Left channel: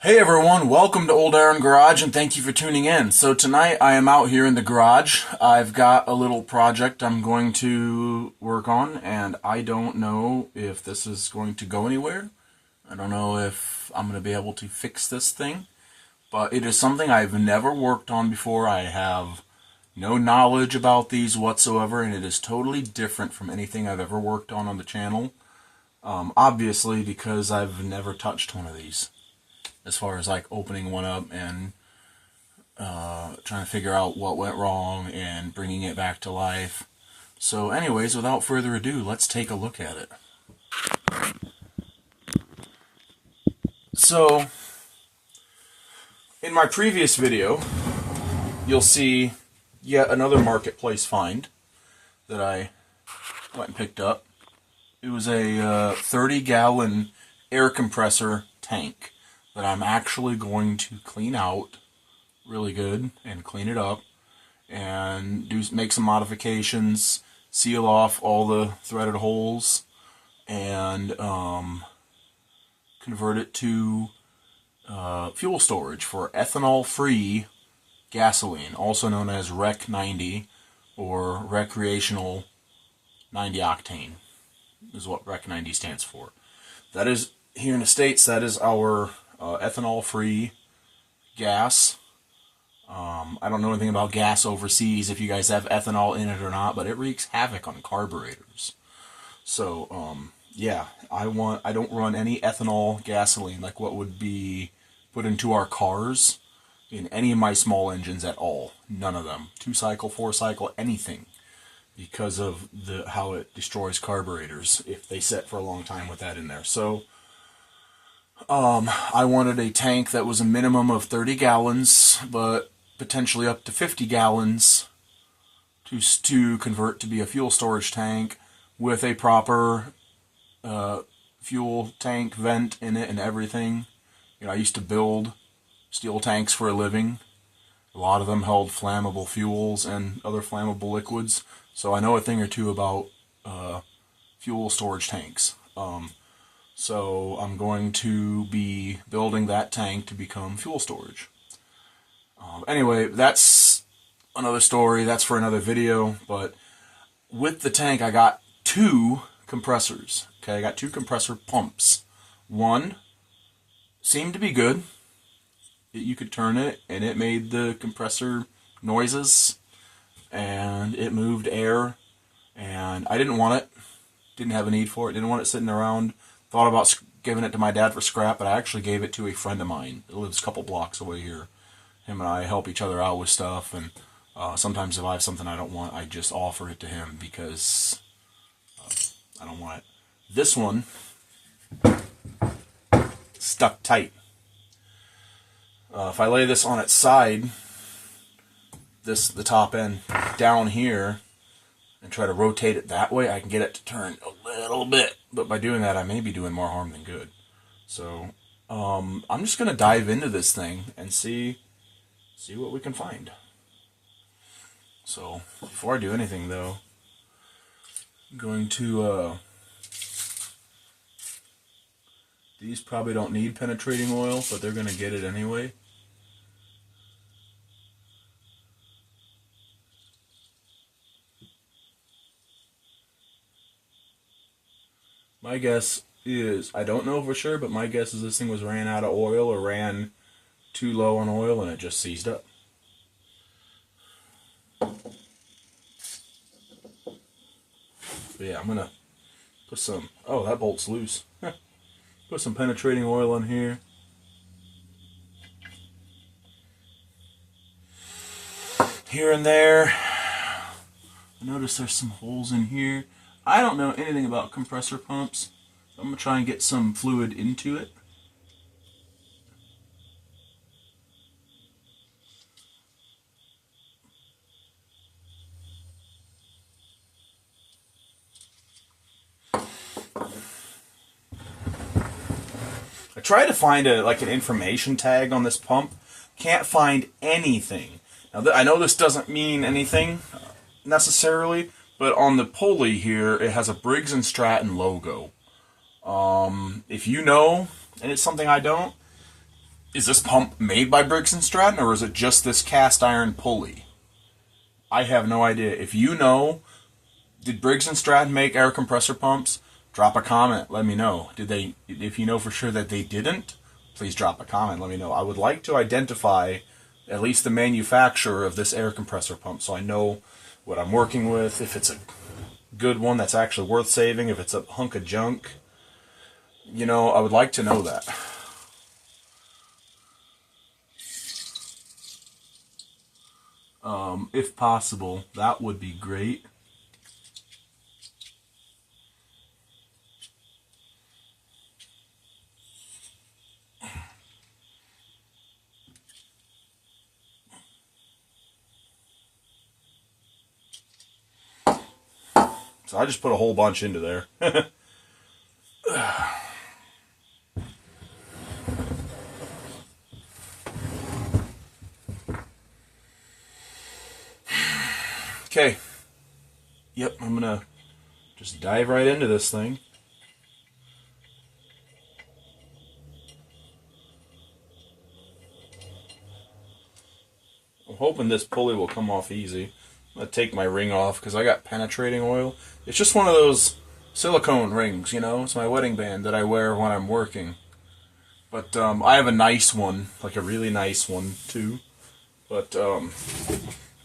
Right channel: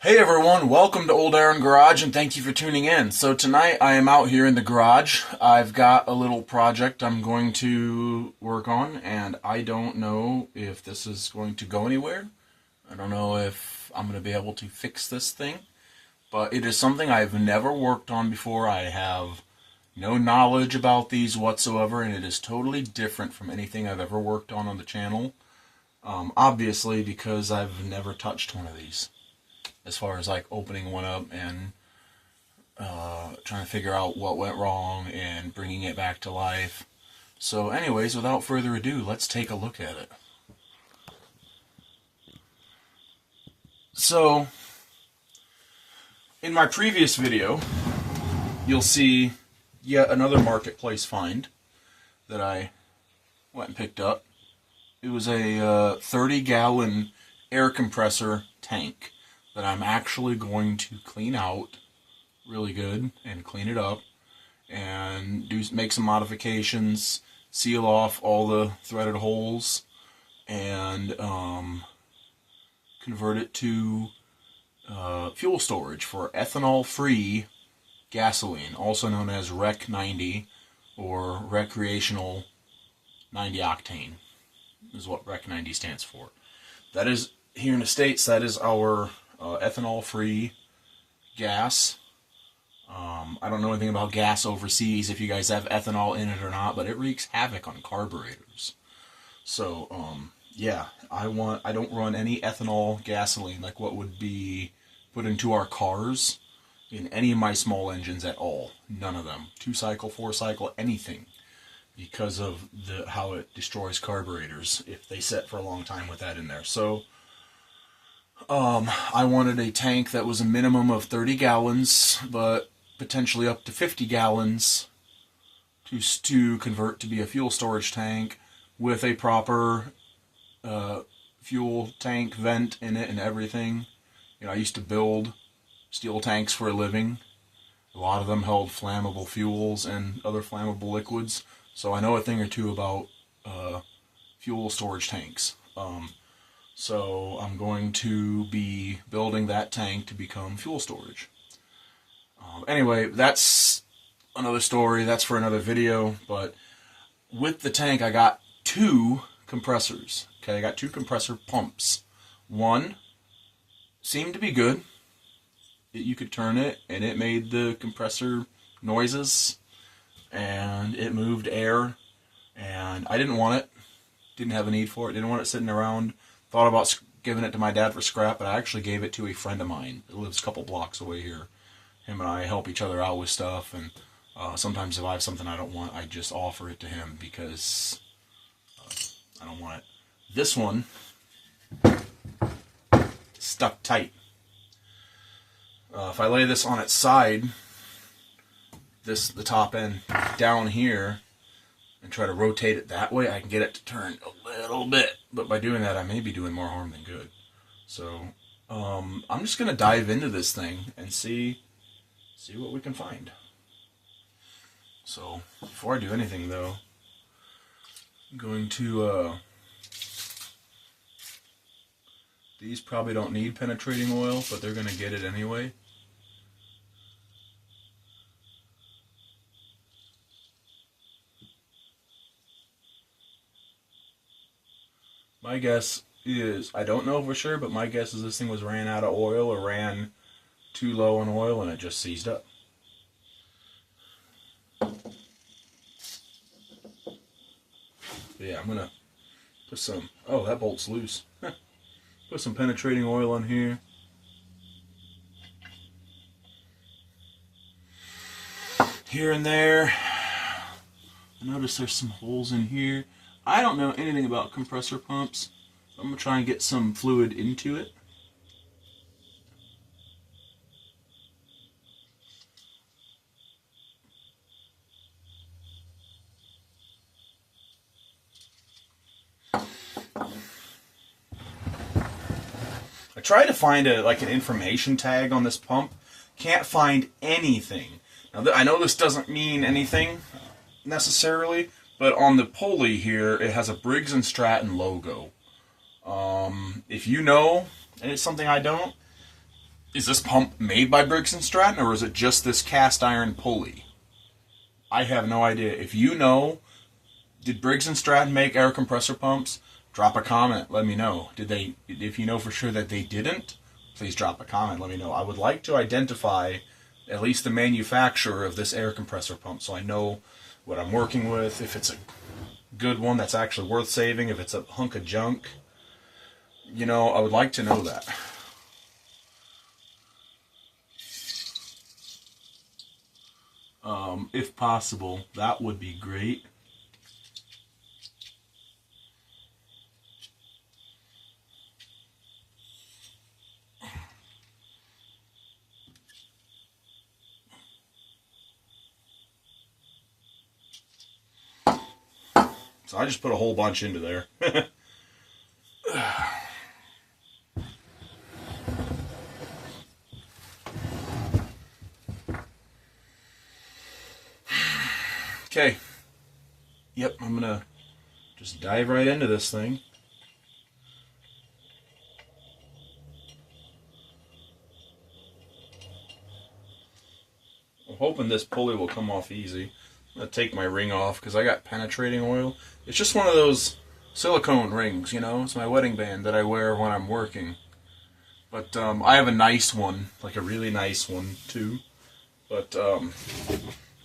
Hey everyone, welcome to Old Iron Garage and thank you for tuning in. So tonight I am out here in the garage. I've got a little project I'm going to work on and I don't know if this is going to go anywhere. I don't know if I'm going to be able to fix this thing, but it is something I've never worked on before. I have no knowledge about these whatsoever and it is totally different from anything I've ever worked on the channel. Obviously because I've never touched one of these. As far as like opening one up and trying to figure out what went wrong and bringing it back to life. So anyways, without further ado, let's take a look at it. So, in my previous video, you'll see yet another marketplace find that I went and picked up. It was a 30-gallon air compressor tank that I'm actually going to clean out really good and clean it up and make some modifications, seal off all the threaded holes, and convert it to fuel storage for ethanol-free gasoline, also known as Rec 90 or recreational 90 octane is what Rec 90 stands for. That is, here in the States, that is our ethanol-free gas. I don't know anything about gas overseas, if you guys have ethanol in it or not, but it wreaks havoc on carburetors. So, yeah, I don't run any ethanol gasoline like what would be put into our cars in any of my small engines at all. None of them. 2-cycle, 4-cycle, anything. Because of how it destroys carburetors if they sit for a long time with that in there. So, I wanted a tank that was a minimum of 30 gallons, but potentially up to 50 gallons to convert to be a fuel storage tank with a proper fuel tank vent in it and everything. You know, I used to build steel tanks for a living. A lot of them held flammable fuels and other flammable liquids, so I know a thing or two about fuel storage tanks. So I'm going to be building that tank to become fuel storage. Anyway, that's another story. That's for another video. But with the tank, I got 2 compressors. Okay, I got 2 compressor pumps. One seemed to be good. You could turn it, and it made the compressor noises, and it moved air. And I didn't want it. Didn't have a need for it. Didn't want it sitting around. Thought about giving it to my dad for scrap, but I actually gave it to a friend of mine that lives a couple blocks away here. Him and I help each other out with stuff, and sometimes if I have something I don't want, I just offer it to him because I don't want it. This one stuck tight. If I lay this on its side, the top end down here, and try to rotate it that way, I can get it to turn a little bit. But by doing that, I may be doing more harm than good. So, I'm just going to dive into this thing and see what we can find. So, before I do anything, though, I'm going to, these probably don't need penetrating oil, but they're going to get it anyway. My guess is, I don't know for sure, but my guess is this thing was ran out of oil or ran too low on oil and it just seized up. But yeah, I'm going to put some, oh, that bolt's loose. Put some penetrating oil in here. Here and there. I notice there's some holes in here. I don't know anything about compressor pumps. So I'm going to try and get some fluid into it. I tried to find an information tag on this pump. Can't find anything. Now, I know this doesn't mean anything necessarily, but on the pulley here, it has a Briggs & Stratton logo. If you know, and it's something I don't, Is this pump made by Briggs & Stratton, or is it just this cast iron pulley? I have no idea. If you know, did Briggs & Stratton make air compressor pumps? Drop a comment. Let me know. Did they? If you know for sure that they didn't, please drop a comment. Let me know. I would like to identify at least the manufacturer of this air compressor pump so I know what I'm working with, if it's a good one that's actually worth saving, if it's a hunk of junk. You know, I would like to know that. If possible, that would be great. So I just put a whole bunch into there. Okay. Yep, I'm gonna just dive right into this thing. I'm hoping this pulley will come off easy. I'm gonna take my ring off because I got penetrating oil. It's just one of those silicone rings, you know? It's my wedding band that I wear when I'm working. But I have a nice one, like a really nice one too. But I'm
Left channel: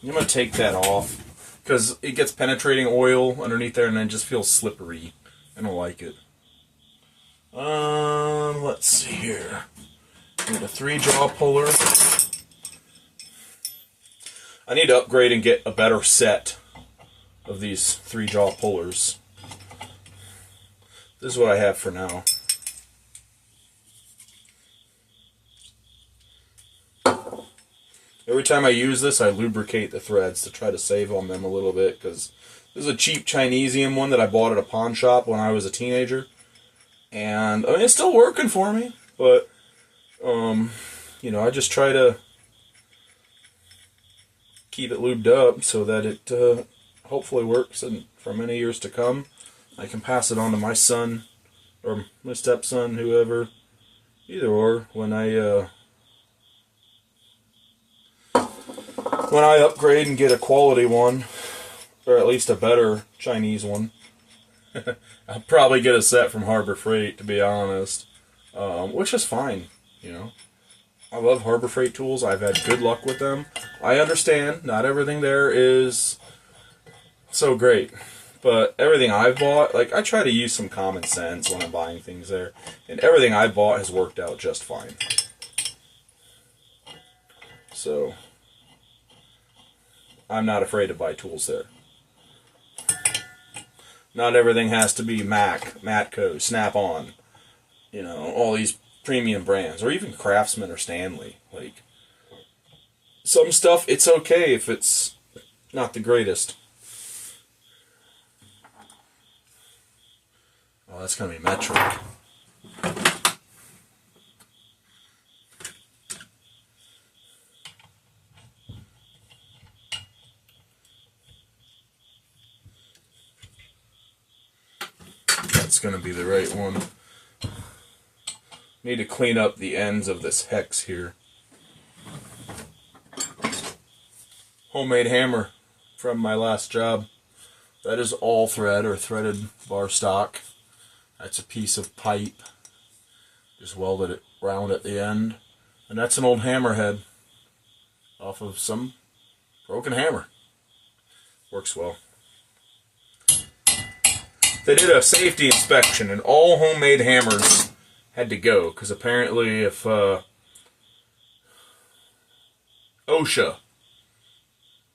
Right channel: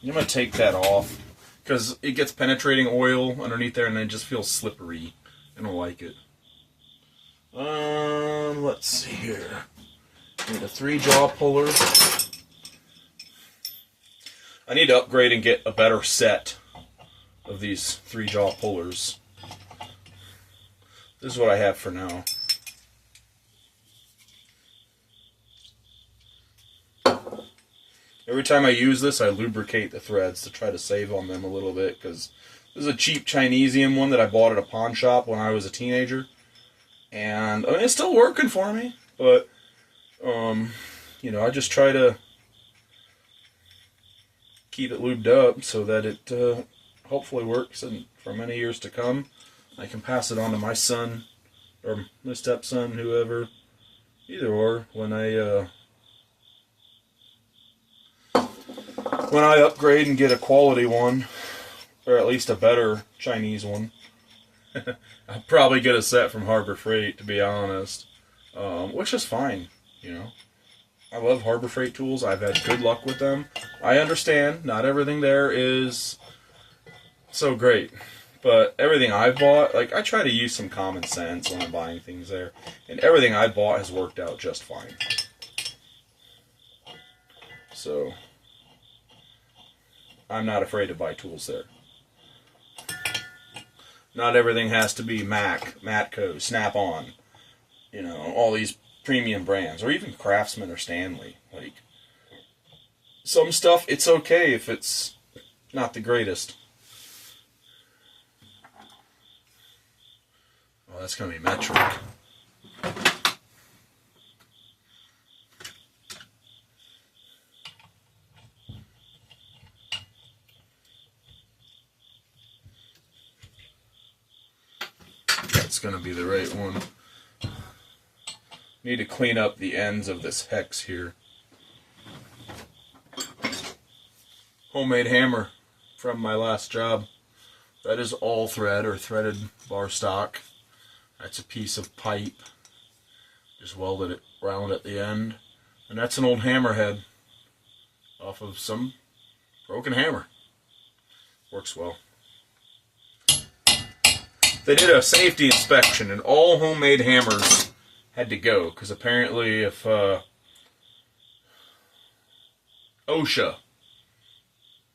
gonna take that off because it gets penetrating oil underneath there and then it just feels slippery. I don't like it. Let's see here. I need a 3-jaw puller. I need to upgrade and get a better set of these 3-jaw pullers. This is what I have for now. Every time I use this, I lubricate the threads to try to save on them a little bit, because this is a cheap Chinesium one that I bought at a pawn shop when I was a teenager. And, I mean, it's still working for me, but, you know, I just try to keep it lubed up so that it hopefully works and for many years to come. I can pass it on to my son, or my stepson, whoever, either or, when I upgrade and get a quality one, or at least a better Chinese one. I'll probably get a set from Harbor Freight, to be honest, which is fine, you know. I love Harbor Freight tools. I've had good luck with them. I understand not everything there is so great, but everything I've bought, like, I try to use some common sense when I'm buying things there, and everything I've bought has worked out just fine. So I'm not afraid to buy tools there. Not everything has to be Mac, Matco, Snap-on, you know, all these premium brands, or even Craftsman or Stanley. Like, some stuff, it's okay if it's not the greatest. Well, that's going to be metric. That's going to be the right one. Need to clean up the ends of this hex here. Homemade hammer from my last job. That is all thread or threaded bar stock. That's a piece of pipe. Just welded it round at the end. And that's an old hammerhead off of some broken hammer. Works well. They did a safety inspection and all homemade hammers had to go, because apparently if OSHA,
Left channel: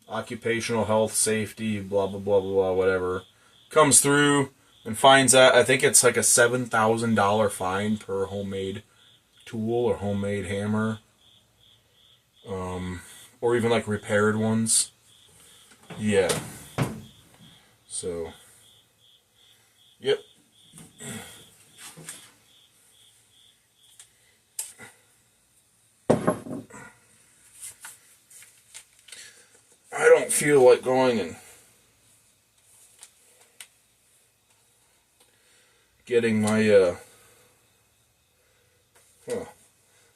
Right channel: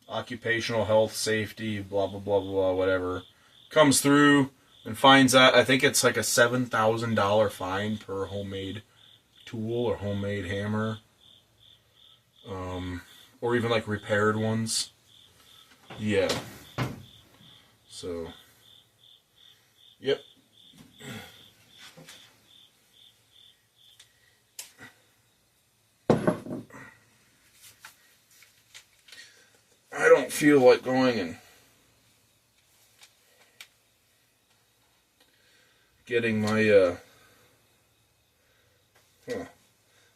Occupational Health Safety, blah, blah, blah, blah, whatever, comes through and finds out, I think it's like a $7,000 fine per homemade tool or homemade hammer, or even like repaired ones. Yeah. So, yep. I don't feel like going and getting my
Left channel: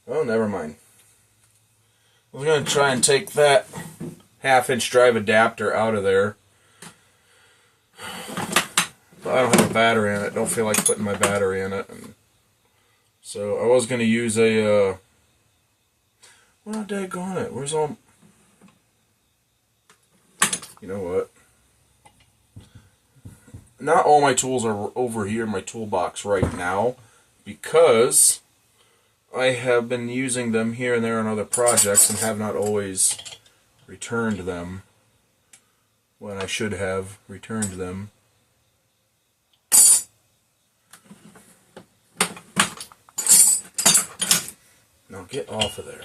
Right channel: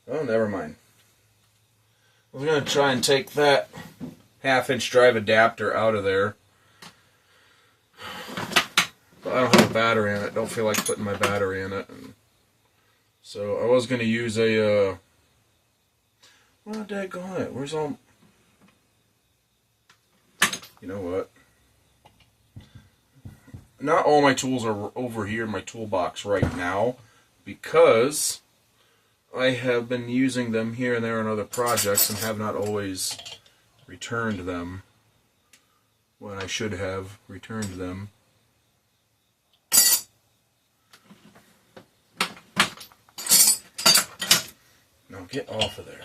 Well, never mind. I was going to try and take that 1/2-inch drive adapter out of there. But I don't have a battery in it. Don't feel like putting my battery in it. And so I was going to use a... well, daggone it. Where's all... You know what? Not all my tools are over here in my toolbox right now, because I have been using them here and there on other projects and have not always returned them when I should have returned them. Now get off of there.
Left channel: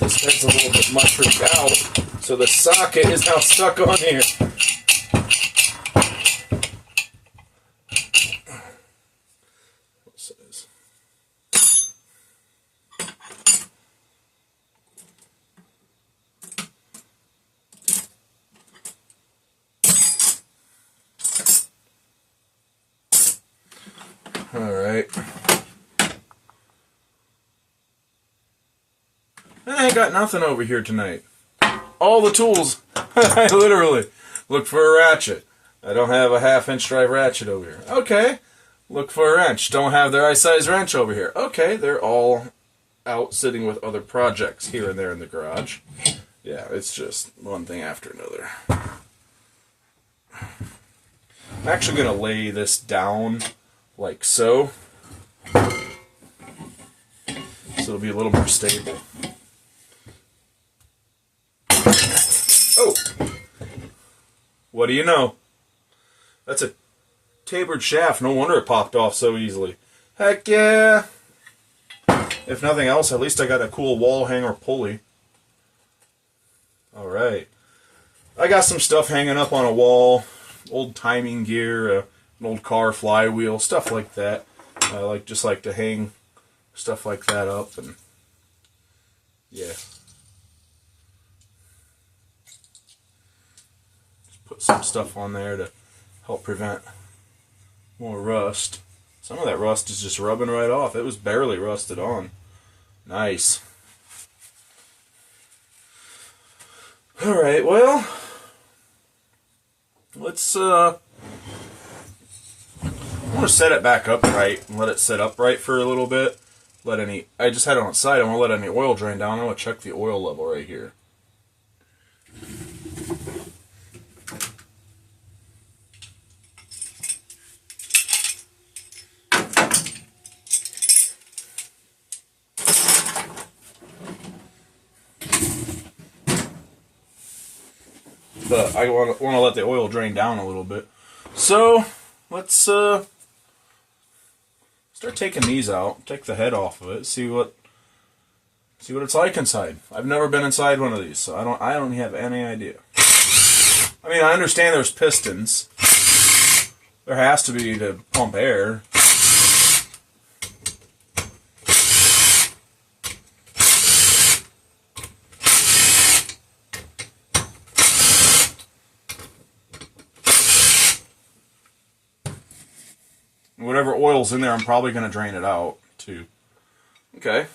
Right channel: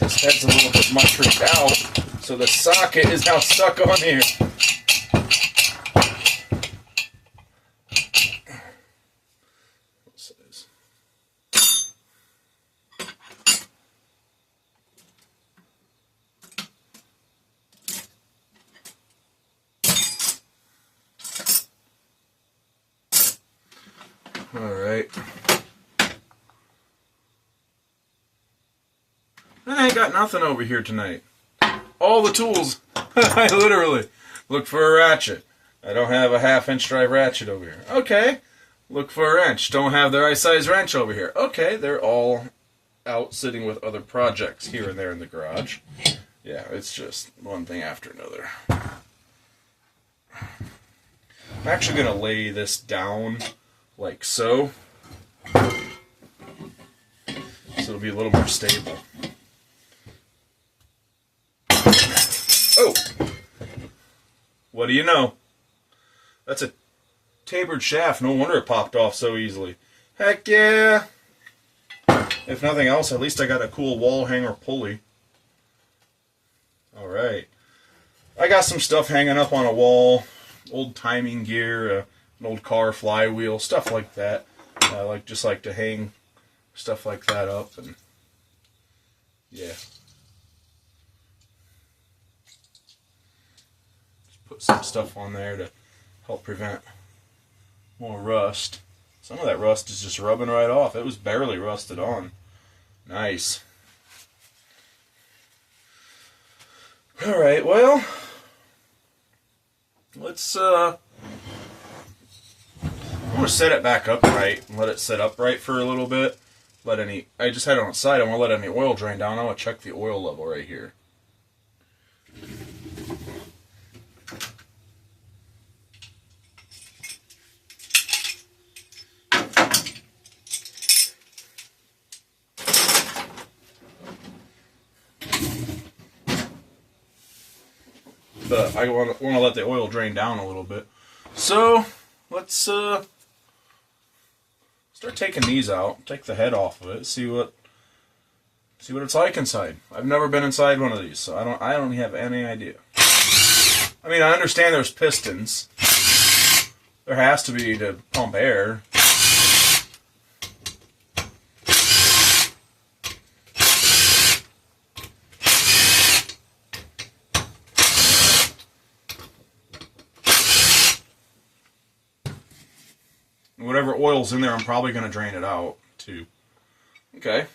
This head's a little bit mushroomed out, so the socket is now stuck on here. Alright. I ain't got nothing over here tonight. All the tools. I literally look for a ratchet. I don't have a 1/2-inch drive ratchet over here. Okay. Look for a wrench. Don't have the right size wrench over here. Okay, they're all out sitting with other projects here and there in the garage. Yeah, it's just one thing after another. I'm actually going to lay this down like so. So it'll be a little more stable. Oh! What do you know? That's a tapered shaft. No wonder it popped off so easily. Heck yeah! If nothing else, at least I got a cool wall hanger pulley. Alright. I got some stuff hanging up on a wall. Old timing gear, an old car flywheel, stuff like that. I just like to hang stuff like that up, and yeah. Put some stuff on there to help prevent more rust. Some of that rust is just rubbing right off. It was barely rusted on. Nice. Alright, well, let's I want to set it back up right and let it sit upright for a little bit. I just had it on its side. I want to let any oil drain down. I want to check the oil level right here. But I want to let the oil drain down a little bit. So let's start taking these out. Take the head off of it. See what it's like inside. I've never been inside one of these, so I don't have any idea. I mean, I understand there's pistons. There has to be to pump air. Whatever oil's in there, I'm probably going to drain it out, too. Okay.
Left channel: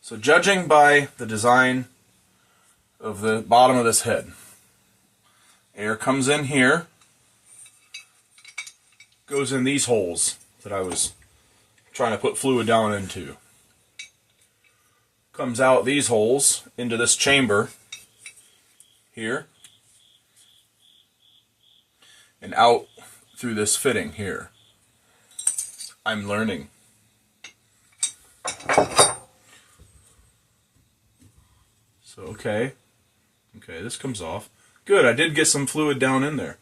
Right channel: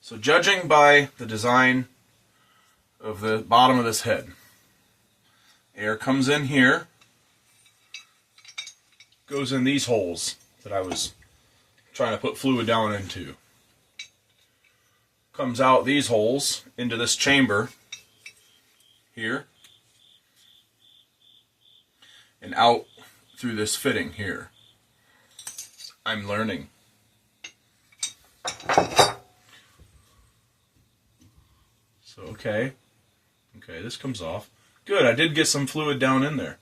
So judging by the design of the bottom of this head, air comes in here, goes in these holes that I was trying to put fluid down into. Comes out these holes into this chamber here, and out through this fitting here. I'm learning. So, okay, this comes off. Good, I did get some fluid down in there.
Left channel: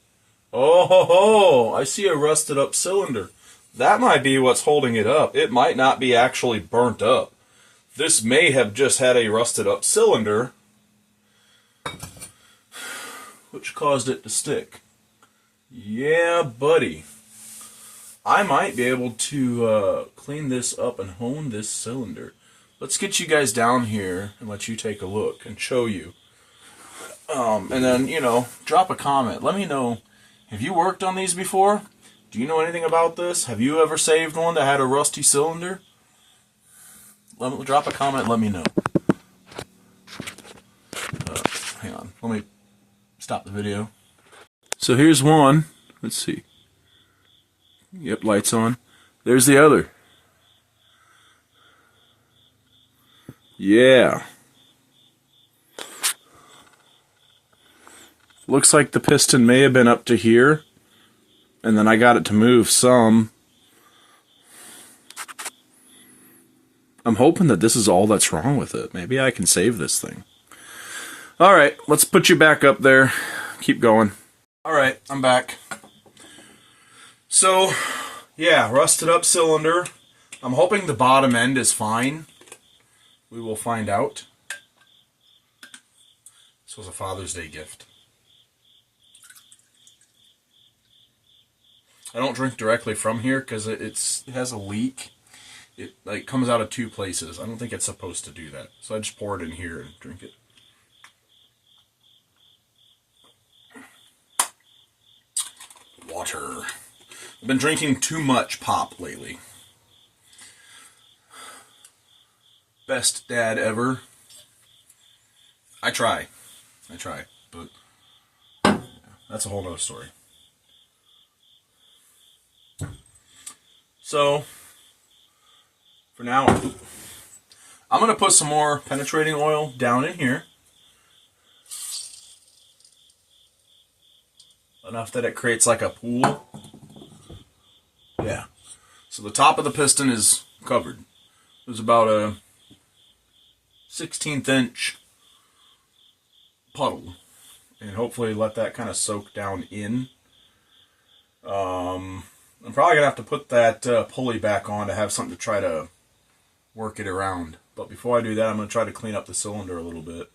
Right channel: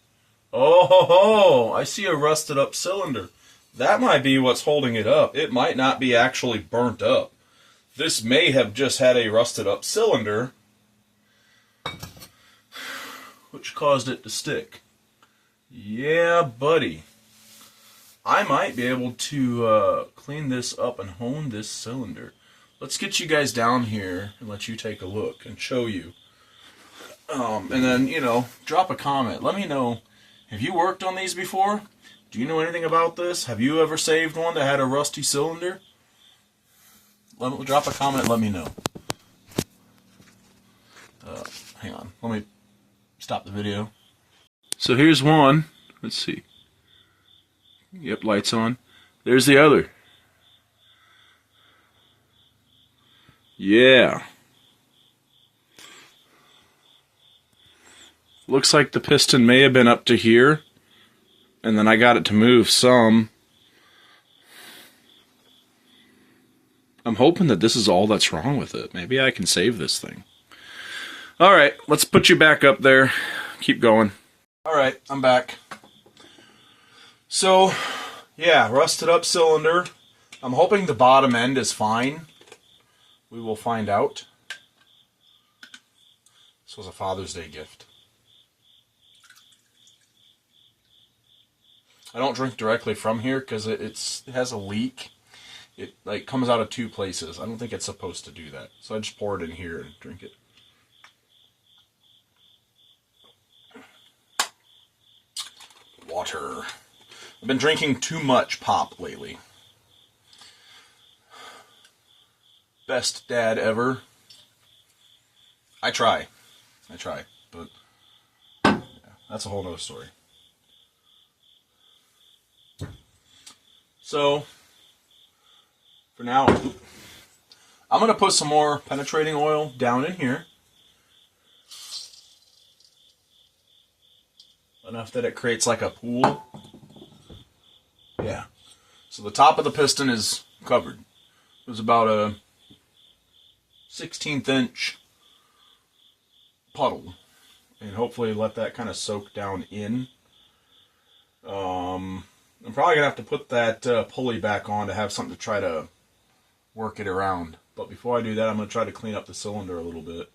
Oh, ho, ho, I see a rusted up cylinder. That might be what's holding it up. It might not be actually burnt up. This may have just had a rusted up cylinder, which caused it to stick. Yeah, buddy. I might be able to clean this up and hone this cylinder. Let's get you guys down here and let you take a look and show you. And then, drop a comment. Let me know, Have you worked on these before? Do you know anything about this? Have you ever saved one that had a rusty cylinder? Drop a comment, let me know. Hang on, let me stop the video. So here's one. Let's see. Yep, lights on. There's the other. Yeah. Looks like the piston may have been up to here, and then I got it to move some. I'm hoping that this is all that's wrong with it. Maybe I can save this thing. Alright, let's put you back up there. Keep going. Alright, I'm back. So, yeah, rusted up cylinder. I'm hoping the bottom end is fine. We will find out. This was a Father's Day gift. I don't drink directly from here because it has a leak. It like comes out of two places. I don't think it's supposed to do that. So I just pour it in here and drink it. Water. I've been drinking too much pop lately. Best dad ever. I try, but yeah, that's a whole nother story. So, for now, I'm going to put some more penetrating oil down in here. Enough that it creates like a pool. Yeah. So the top of the piston is covered. There's about a 1/16 inch puddle. And hopefully let that kind of soak down in. I'm probably going to have to put that pulley back on to have something to try to work it around. But before I do that, I'm going to try to clean up the cylinder a little bit.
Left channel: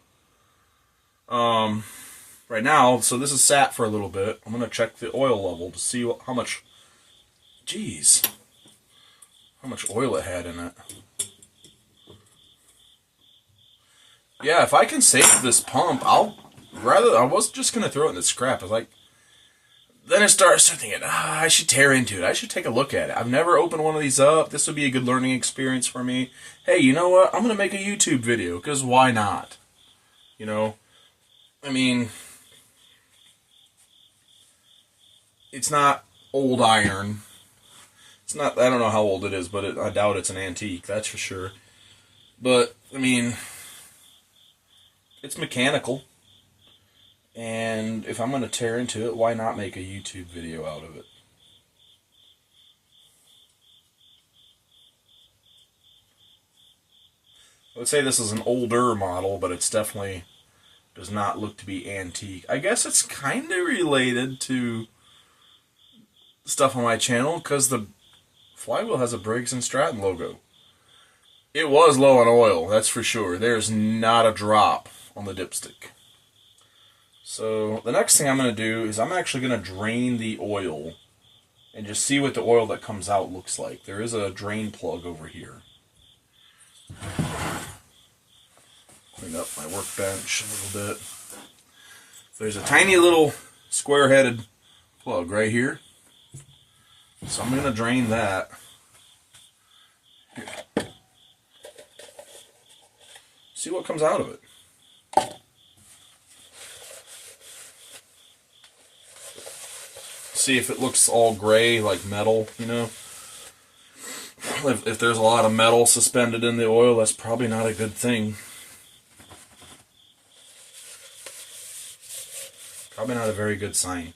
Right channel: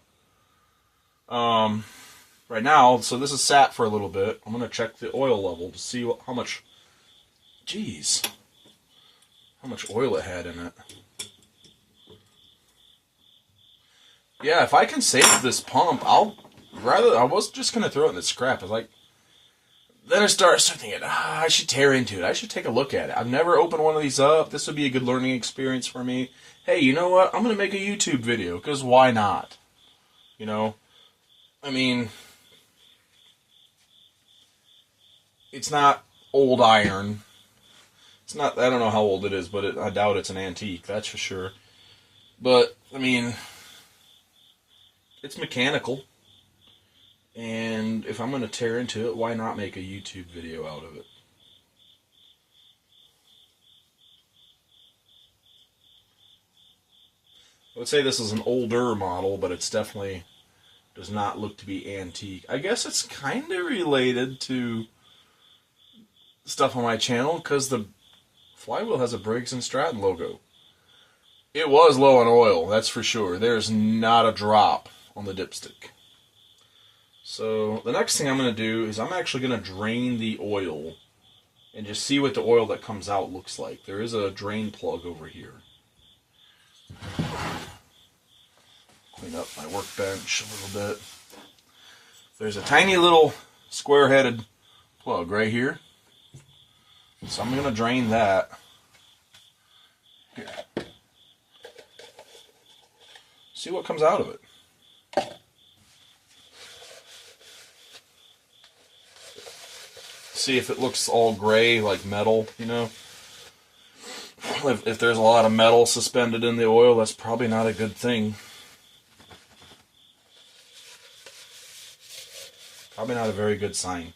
Right now, so this is sat for a little bit. I'm going to check the oil level to see how much, how much oil it had in it. Yeah, if I can save this pump, I was just going to throw it in the scrap. I was like, then I started thinking, I should tear into it. I should take a look at it. I've never opened one of these up. This would be a good learning experience for me. Hey, you know what? I'm going to make a YouTube video, because why not? You know? I mean, it's not old iron. It's not, I don't know how old it is, but I doubt it's an antique, that's for sure. But, I mean, it's mechanical. And if I'm going to tear into it, why not make a YouTube video out of it? I would say this is an older model, but it's definitely does not look to be antique. I guess it's kind of related to stuff on my channel because the flywheel has a Briggs & Stratton logo. It was low on oil, that's for sure. There's not a drop on the dipstick. So the next thing I'm going to do is I'm actually going to drain the oil and just see what the oil that comes out looks like. There is a drain plug over here. Clean up my workbench a little bit. There's a tiny little square-headed plug right here. So I'm going to drain that. Here. See what comes out of it. See if it looks all gray like metal, you know. If there's a lot of metal suspended in the oil, that's probably not a good thing. Probably not a very good sign.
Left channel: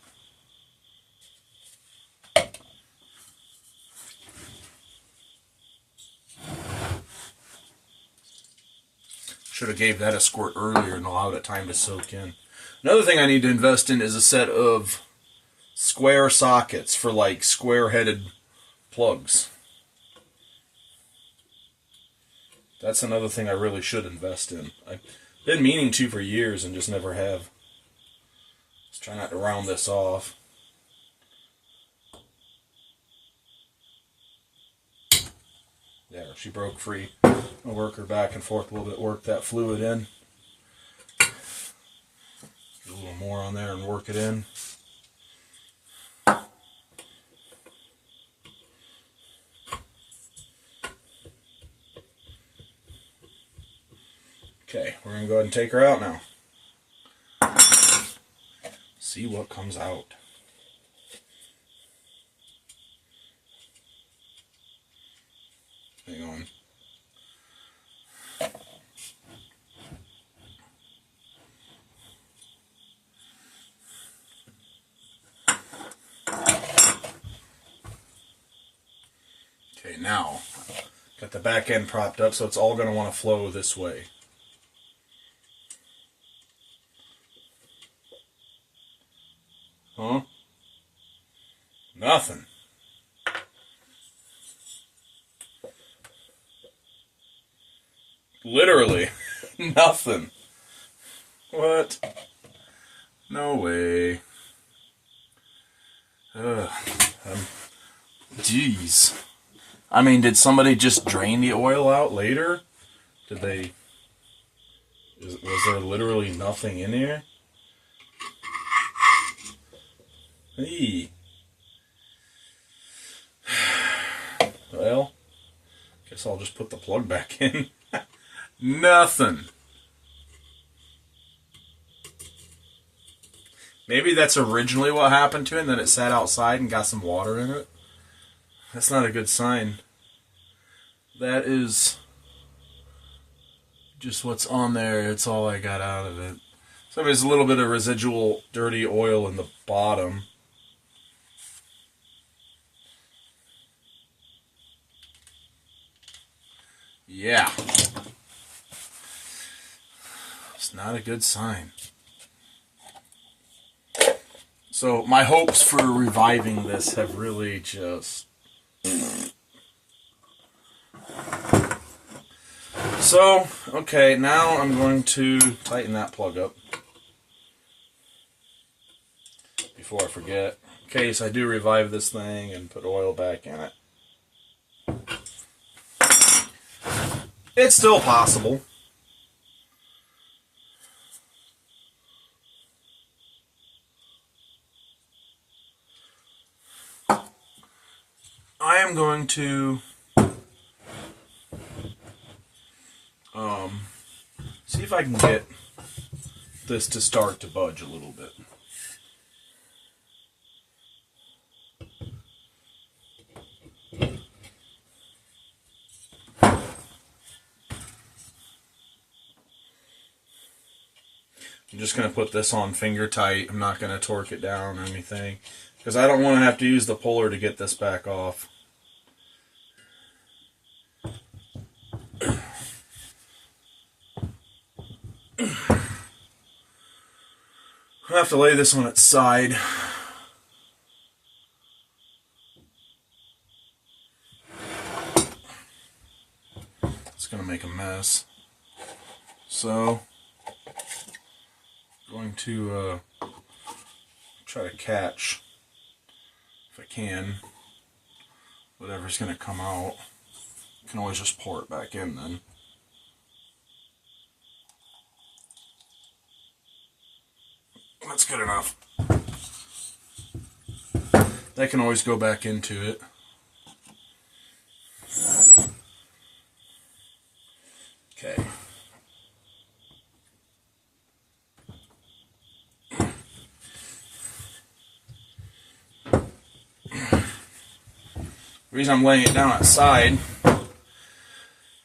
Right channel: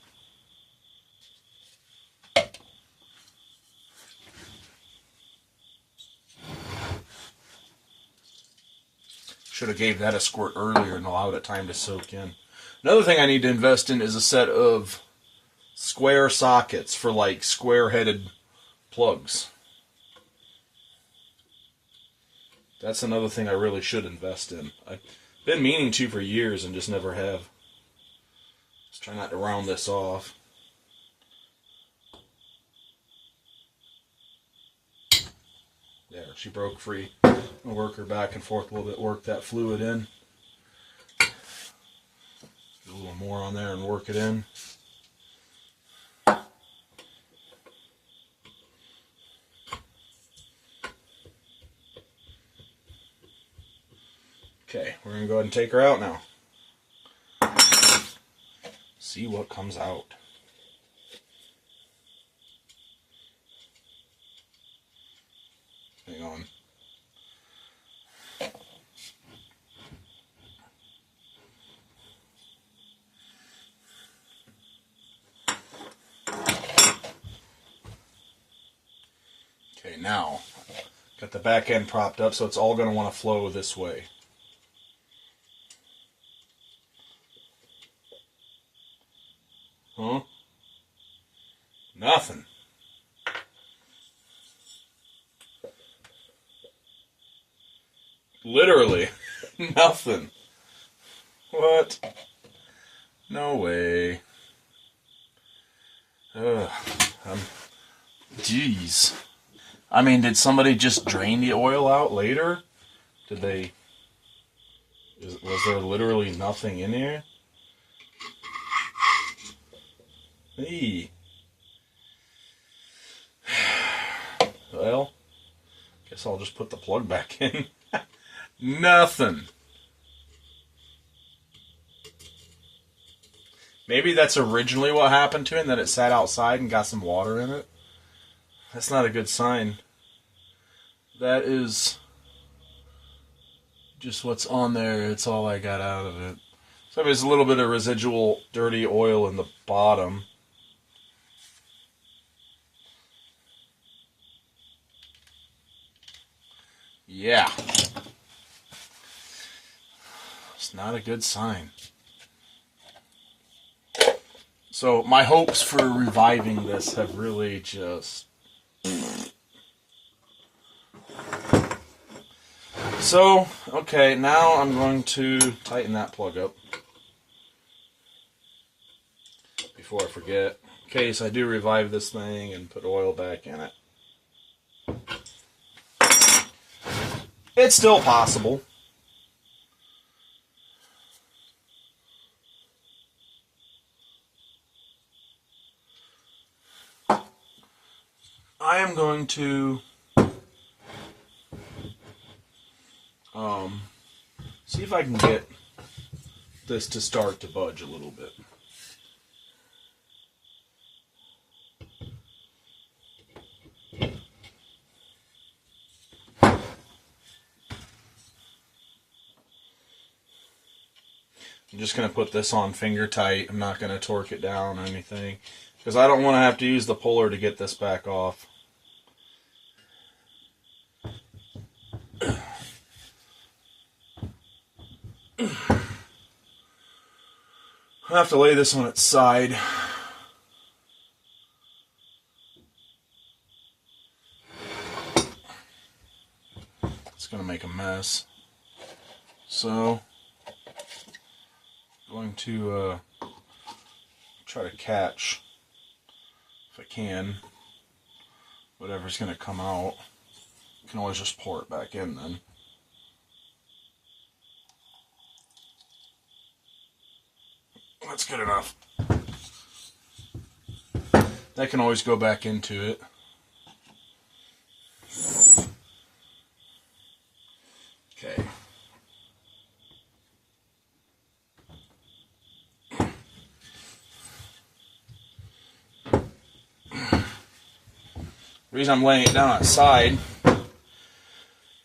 Should have gave that a squirt earlier and allowed it time to soak in. Another thing I need to invest in is a set of square sockets for like square-headed plugs. That's another thing I really should invest in. I've been meaning to for years and just never have. Let's try not to round this off. There, she broke free. I'll work her back and forth a little bit, work that fluid in. Get a little more on there and work it in. Okay, we're going to go ahead and take her out now. See what comes out. Hang on. Okay, now, got the back end propped up, so it's all going to want to flow this way. Huh? Nothing. Literally, nothing. What? No way. Ugh. Jeez. I mean, did somebody just drain the oil out later? Did they... Was there literally nothing in here? Hey. Well, guess I'll just put the plug back in. Nothing. Maybe that's originally what happened to it, and then it sat outside and got some water in it. That's not a good sign. That is just what's on there. It's all I got out of it. So there's a little bit of residual dirty oil in the bottom. Yeah. It's not a good sign. So my hopes for reviving this have really just... So, okay, now I'm going to tighten that plug up before I forget, in case I do revive this thing and put oil back in it. It's still possible. I am going to see if I can get this to start to budge a little bit. I'm just going to put this on finger tight. I'm not going to torque it down or anything, because I don't want to have to use the puller to get this back off. I'll have to lay this on its side. It's going to make a mess. So, I'm going to try to catch, if I can, whatever's going to come out. You can always just pour it back in then. That's good enough. That can always go back into it. Okay. The reason I'm laying it down outside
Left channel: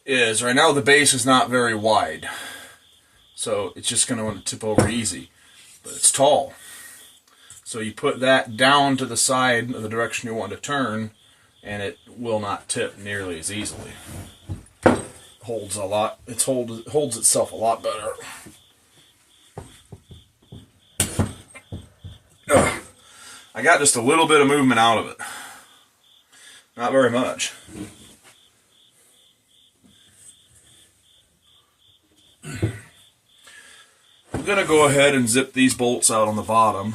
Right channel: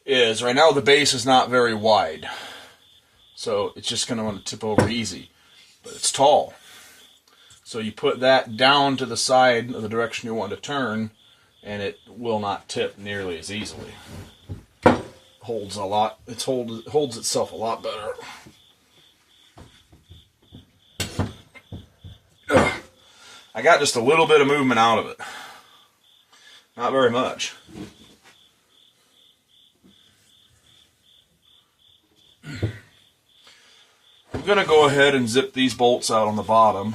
is right now the base is not very wide. So it's just going to want to tip over easy. But it's tall. So you put that down to the side of the direction you want to turn, and it will not tip nearly as easily. Holds a lot. It holds itself a lot better. Ugh. I got just a little bit of movement out of it. Not very much. I'm going to go ahead and zip these bolts out on the bottom.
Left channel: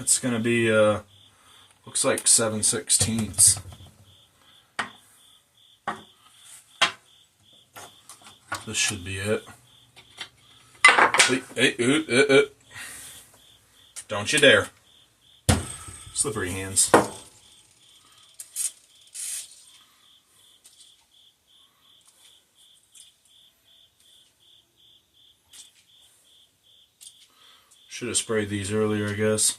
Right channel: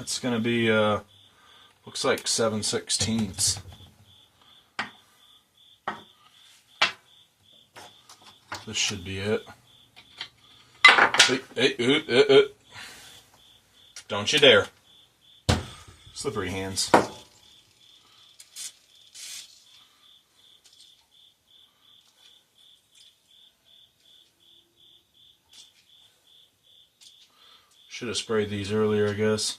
It's going to be, looks like 7/16. This should be it. Hey, don't you dare. Slippery hands. Should have sprayed these earlier, I guess.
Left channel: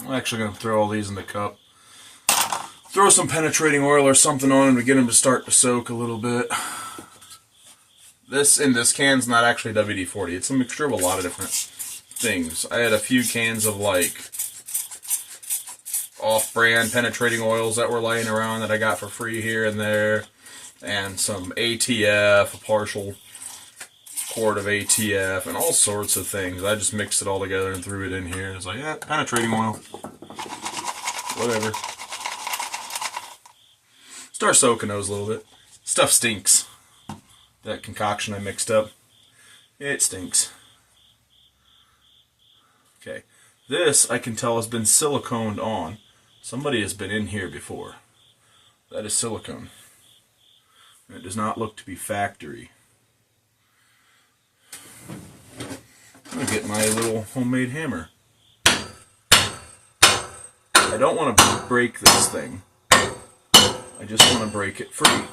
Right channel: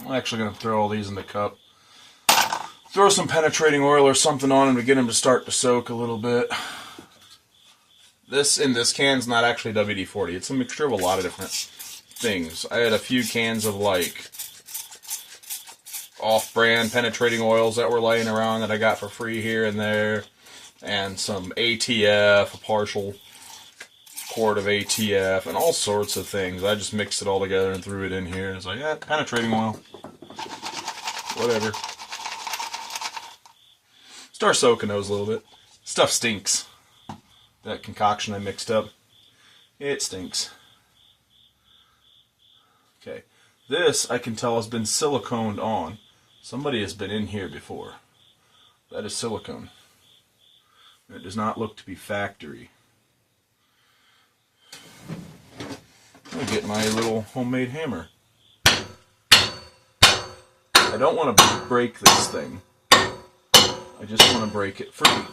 I'm actually going to throw all these in the cup. Throw some penetrating oil or something on them to get them to start to soak a little bit. This can's not actually WD-40. It's a mixture of a lot of different things. I had a few cans of like off-brand penetrating oils that were laying around that I got for free here and there, and some ATF, a partial quart of ATF, and all sorts of things. I just mixed it all together and threw it in here. It's like, yeah, penetrating oil. Whatever. Start soaking those a little bit. Stuff stinks. That concoction I mixed up, it stinks. Okay, this I can tell has been siliconed on. Somebody has been in here before. That is silicone. It does not look to be factory. I'm going to get my little homemade hammer. I don't want to break this thing. I just want to break it free.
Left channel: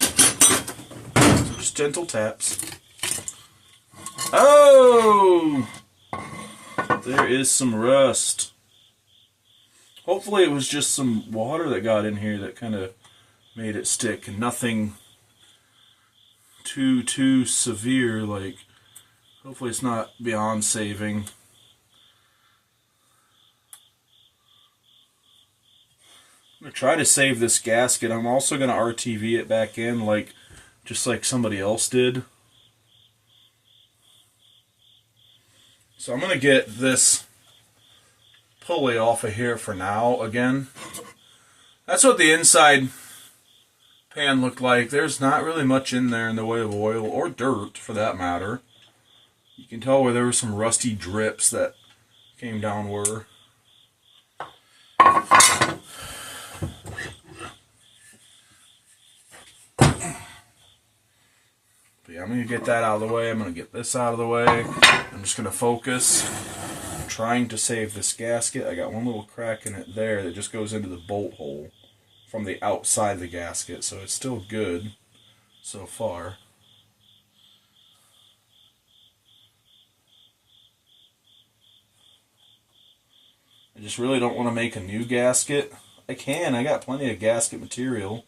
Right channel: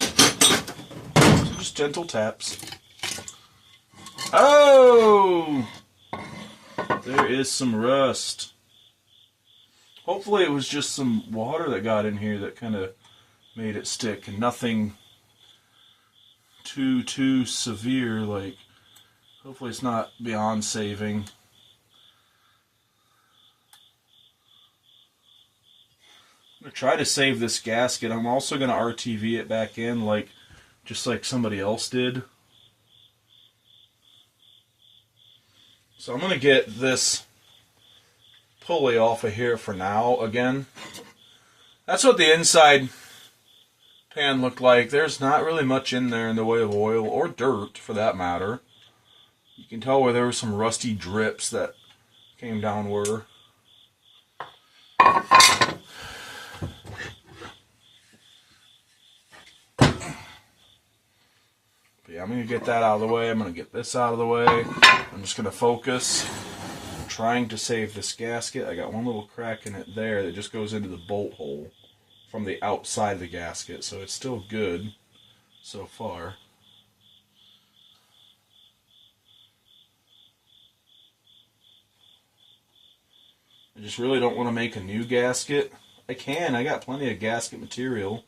So just gentle taps. Oh! There is some rust. Hopefully it was just some water that got in here that kind of made it stick, and nothing too severe. Like, hopefully it's not beyond saving. I'm going to try to save this gasket. I'm also going to RTV it back in, just like somebody else did. So I'm going to get this pulley off of here for now again. That's what the inside pan looked like. There's not really much in there in the way of oil, or dirt for that matter. You can tell where there were some rusty drips that came downward. Yeah, I'm going to get that out of the way. I'm going to get this out of the way. I'm just going to focus. I'm trying to save this gasket. I got one little crack in it there that just goes into the bolt hole from the outside of the gasket, so it's still good so far. I just really don't want to make a new gasket. I got plenty of gasket material.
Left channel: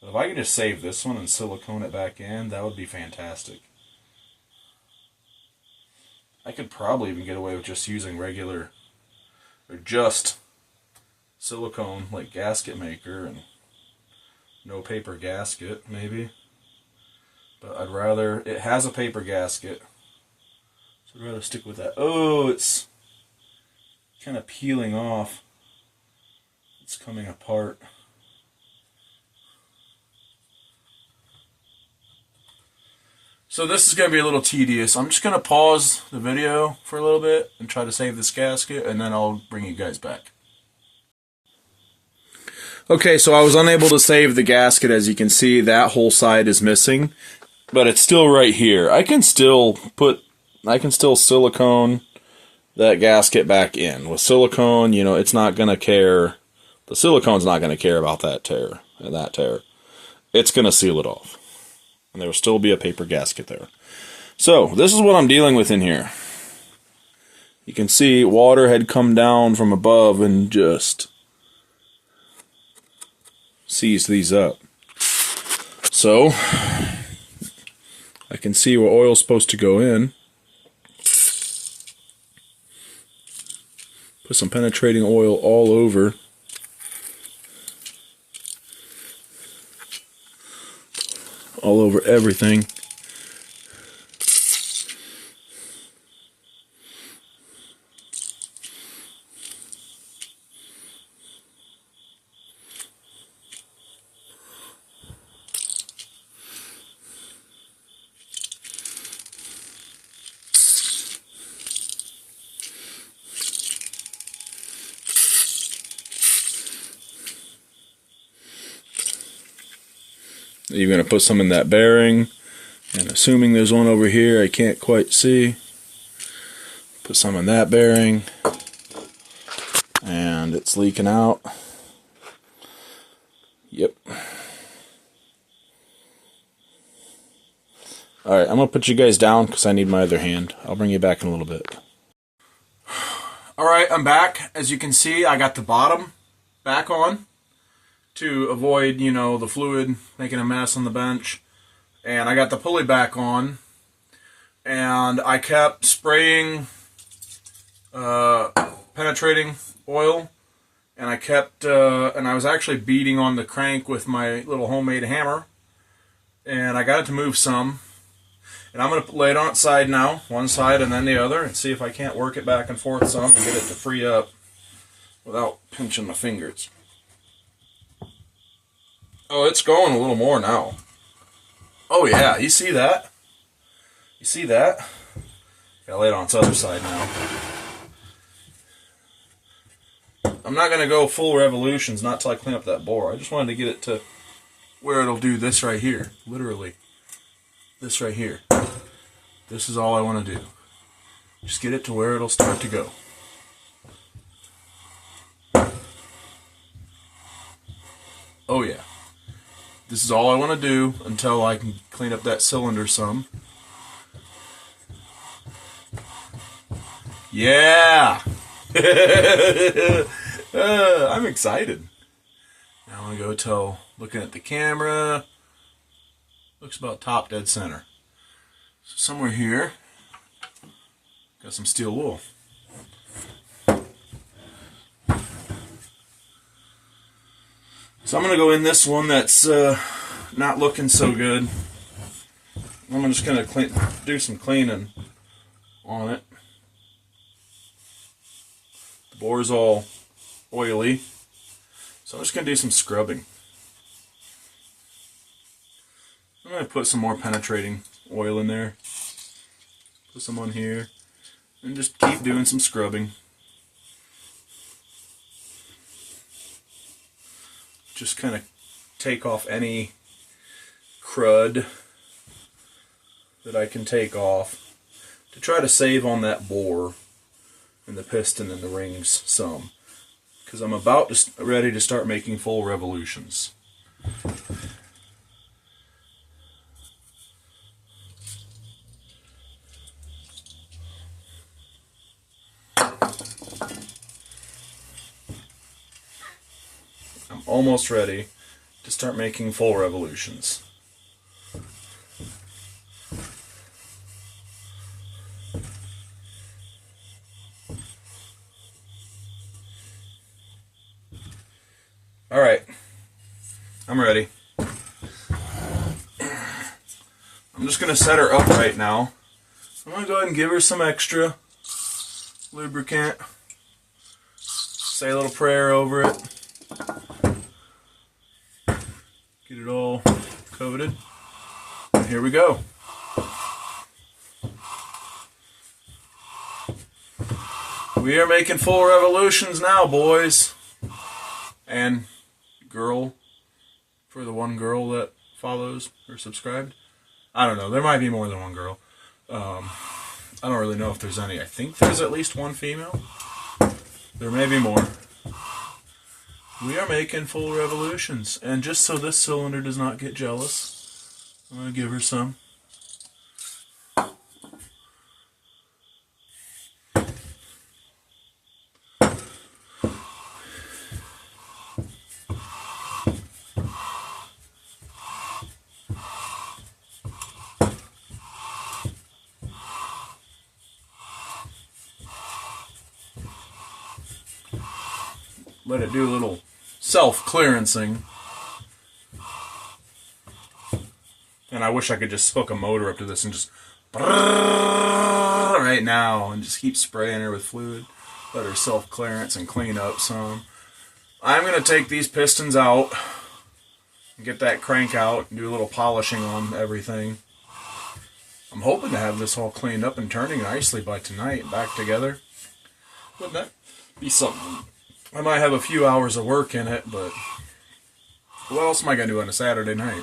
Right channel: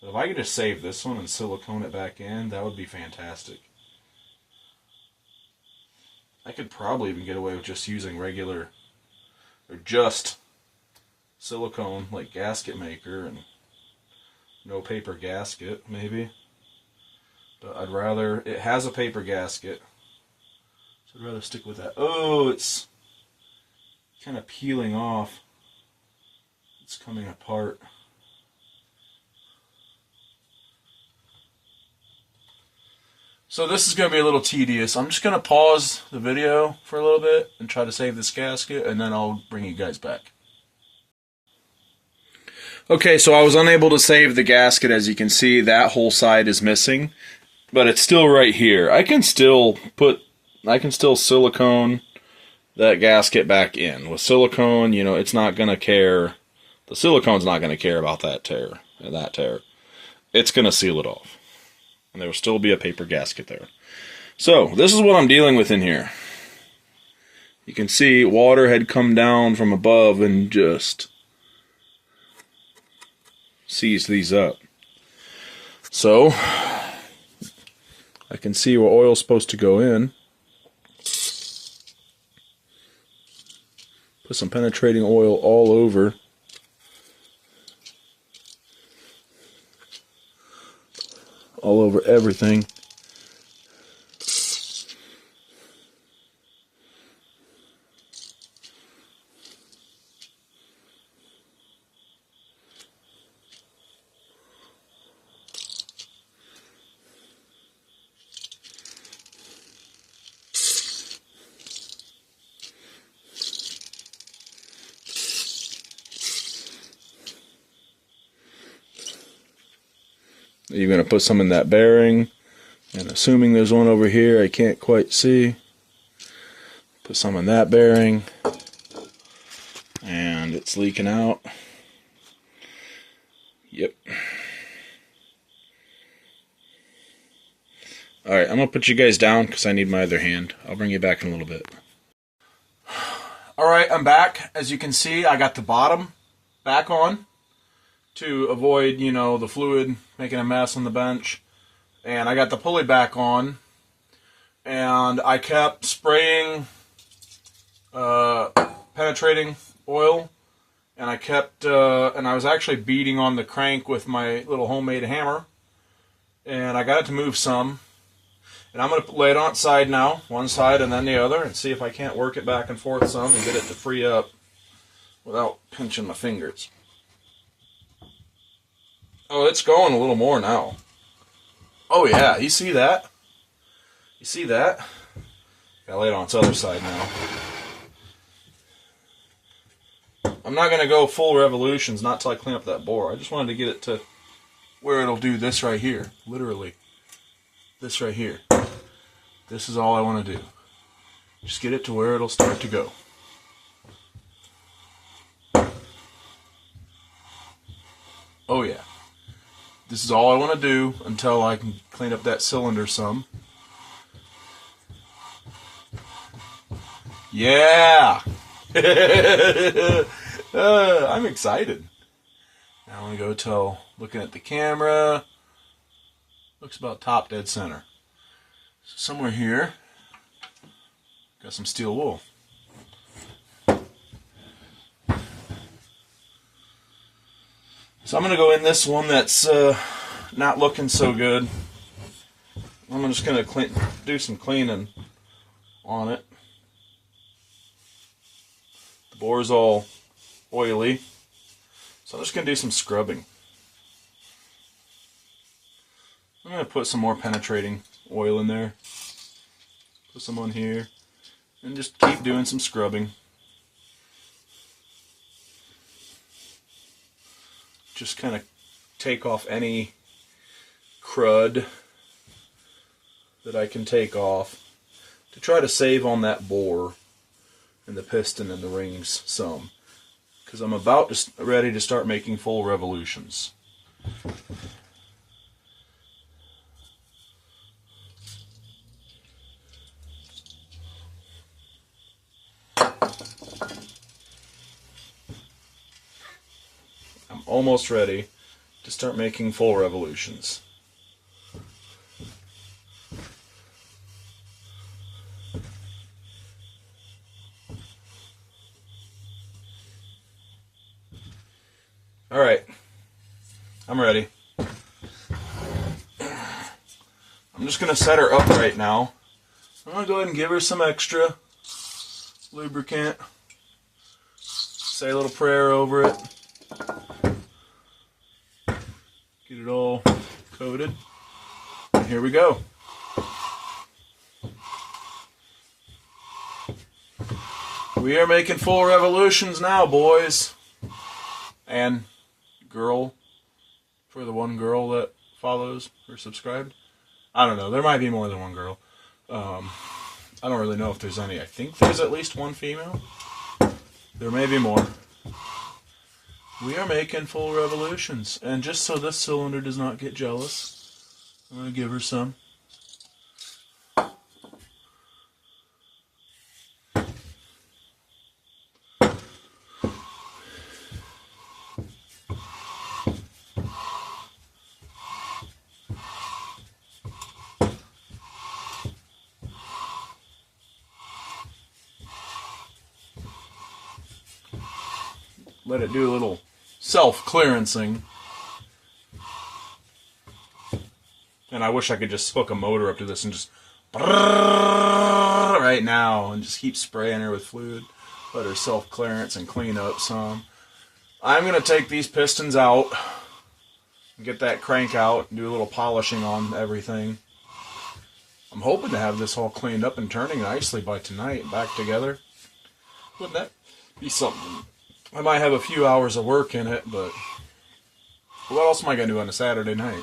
But if I could just save this one and silicone it back in, that would be fantastic. I could probably even get away with just using regular, or just silicone, like gasket maker, and no paper gasket, maybe. But I'd rather, it has a paper gasket, so I'd rather stick with that. Oh, it's kind of peeling off. It's coming apart. So this is going to be a little tedious. I'm just going to pause the video for a little bit and try to save this gasket, and then I'll bring you guys back. Okay, so I was unable to save the gasket. As you can see, that whole side is missing, but it's still right here. I can still silicone that gasket back in. With silicone, you know, it's not going to care. The silicone's not going to care about that tear. It's going to seal it off. And there will still be a paper gasket there. So, this is what I'm dealing with in here. You can see water had come down from above and just seized these up. So, I can see where oil's supposed to go in. Put some penetrating oil all over. All over everything. You're going to put some in that bearing, and assuming there's one over here I can't quite see, put some in that bearing, and it's leaking out. Yep. Alright, I'm going to put you guys down because I need my other hand. I'll bring you back in a little bit. Alright, I'm back. As you can see, I got the bottom back on to avoid, you know, the fluid making a mess on the bench. And I got the pulley back on. And I kept spraying penetrating oil. And I kept, and I was actually beating on the crank with my little homemade hammer. And I got it to move some. And I'm going to lay it on its side now, one side and then the other, and see if I can't work it back and forth some and get it to free up without pinching my fingers. Oh, it's going a little more now. Oh yeah, you see that? You see that? Gotta lay it on its other side now. I'm not going to go full revolutions, not till I clean up that bore. I just wanted to get it to where it'll do this right here, literally. This right here. This is all I want to do. Just get it to where it'll start to go. Oh yeah. This is all I want to do until I can clean up that cylinder some. Yeah! I'm excited. Now I'm going to go till looking at the camera. Looks about top dead center. So somewhere here, got some steel wool. So I'm going to go in this one that's not looking so good. I'm just going to do some cleaning on it. The bore's all oily, so I'm just going to do some scrubbing. I'm going to put some more penetrating oil in there. Put some on here. And just keep doing some scrubbing. Just kind of take off any crud that I can take off to try to save on that bore and the piston and the rings some. Because I'm about ready to start making full revolutions. Almost ready to start making full revolutions. Alright, I'm ready. I'm just going to set her up right now. I'm going to go ahead and give her some extra lubricant. Say a little prayer over it. Get it all coated. And here we go. We are making full revolutions now, boys. And girl, for the one girl that follows or subscribed. I don't know. There might be more than one girl. I don't really know if there's any. I think there's at least one female. There may be more. We are making full revolutions. And just so this cylinder does not get jealous, I'm going to give her some. Let it do a little self-clearancing. And I wish I could just hook a motor up to this and just right now and just keep spraying her with fluid. Let her self-clearance and clean up some. I'm going to take these pistons out and get that crank out and do a little polishing on everything. I'm hoping to have this all cleaned up and turning nicely by tonight and back together. Wouldn't that be something? I might have a few hours of work in it, but what else am I going to do on a Saturday night?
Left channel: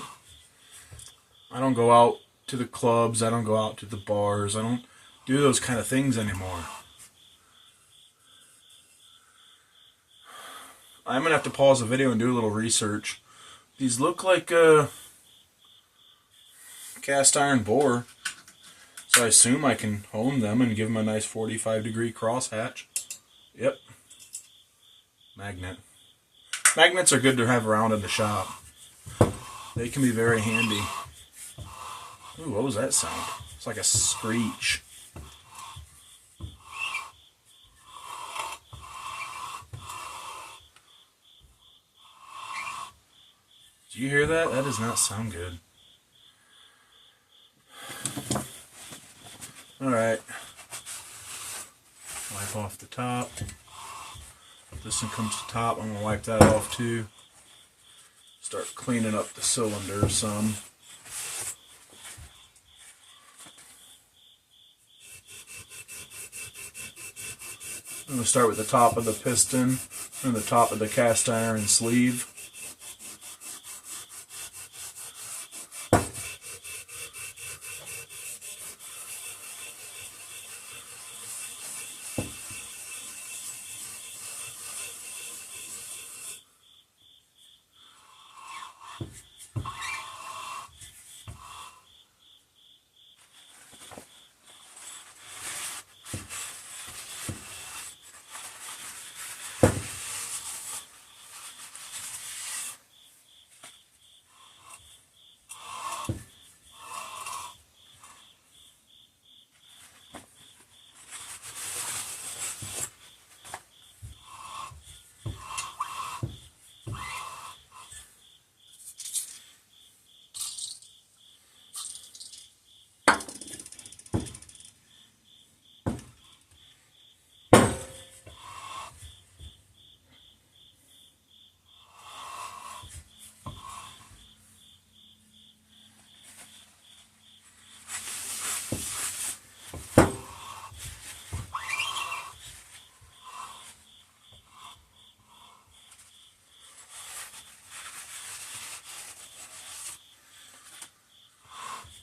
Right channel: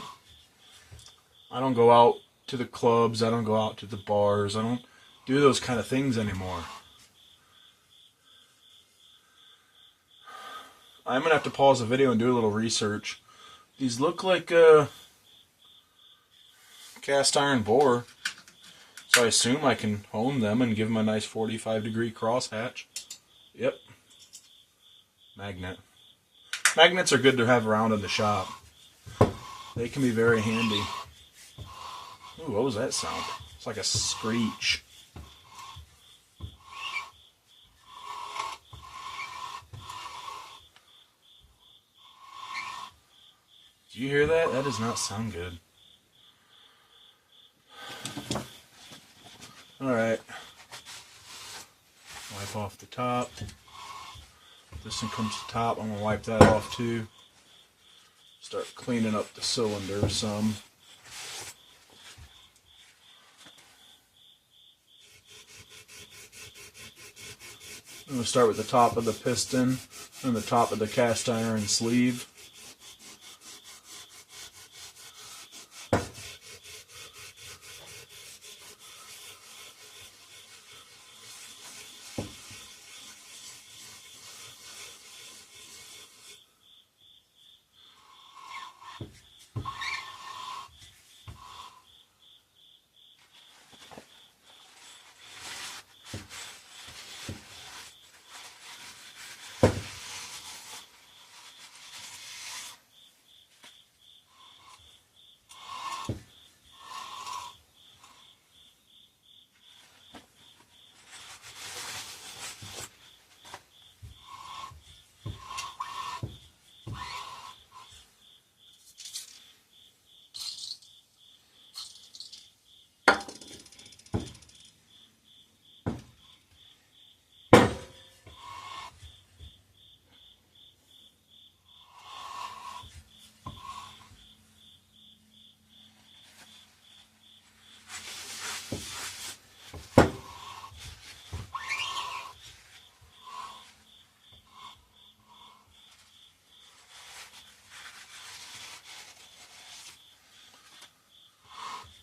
I don't go out to the clubs. I don't go out to the bars. I don't do those kind of things anymore. I'm going to have to pause the video and do a little research. These look like a cast iron bore. So I assume I can hone them and give them a nice 45-degree crosshatch. Yep. Magnet. Magnets are good to have around in the shop. They can be very handy. Ooh, what was that sound? It's like a screech. Did you hear that? That does not sound good. Alright. Wipe off the top. This one comes to the top. I'm going to wipe that off too. Start cleaning up the cylinder some. I'm going to start with the top of the piston and the top of the cast iron sleeve.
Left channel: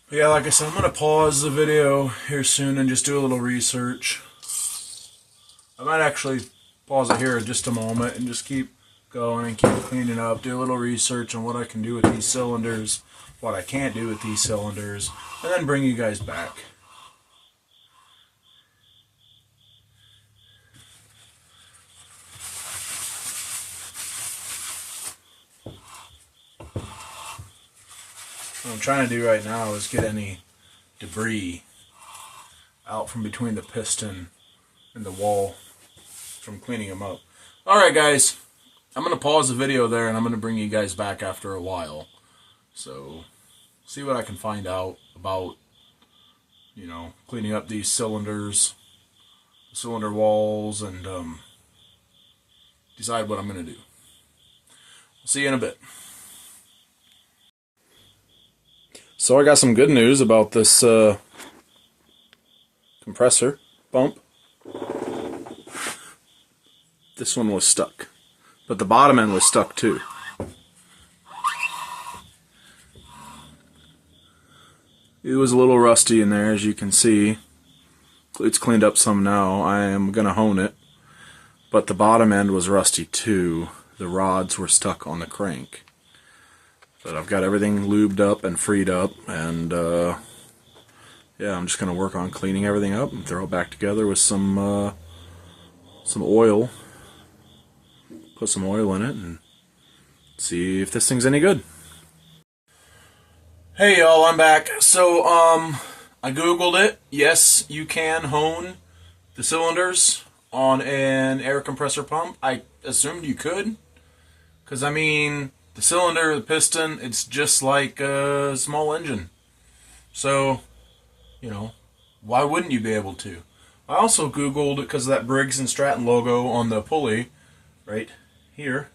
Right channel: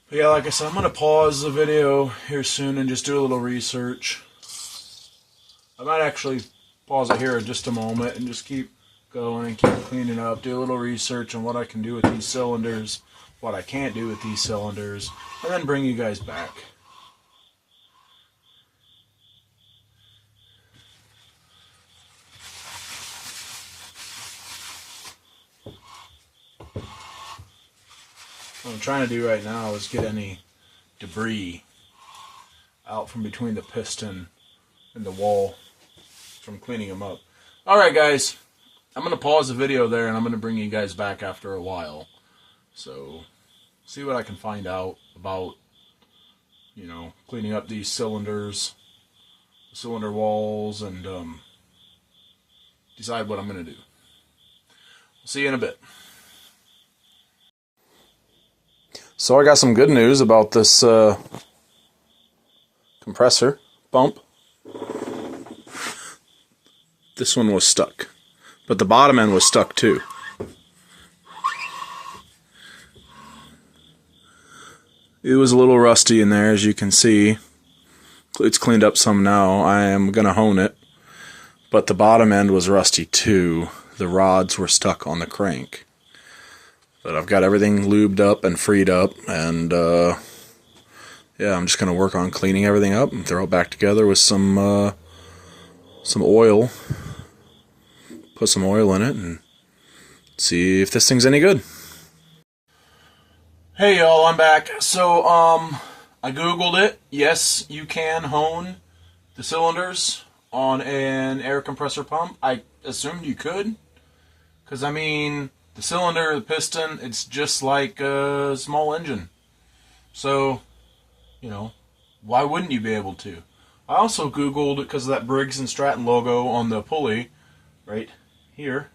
But yeah, like I said, I'm going to pause the video here soon and just do a little research. I might actually pause it here in just a moment and just keep going and keep cleaning up, do a little research on what I can do with these cylinders, what I can't do with these cylinders, and then bring you guys back. What I'm trying to do right now is get any debris out from between the piston and the wall from cleaning them up. Alright guys, I'm going to pause the video there and I'm going to bring you guys back after a while. So, see what I can find out about, you know, cleaning up these cylinders, cylinder walls, and decide what I'm going to do. See you in a bit. So I got some good news about this compressor pump. This one was stuck, but the bottom end was stuck too. It was a little rusty in there, as you can see. It's cleaned up some now. I am going to hone it, but the bottom end was rusty too. The rods were stuck on the crank. But I've got everything lubed up and freed up, and yeah, I'm just going to work on cleaning everything up and throw it back together with some oil. Put some oil in it and see if this thing's any good. Hey y'all, I'm back. So I googled it. Yes, you can hone the cylinders on an air compressor pump. I assumed you could, because I mean, the cylinder, the piston, it's just like a small engine. So, you know, why wouldn't you be able to? I also Googled, because of that Briggs & Stratton logo on the pulley, right here.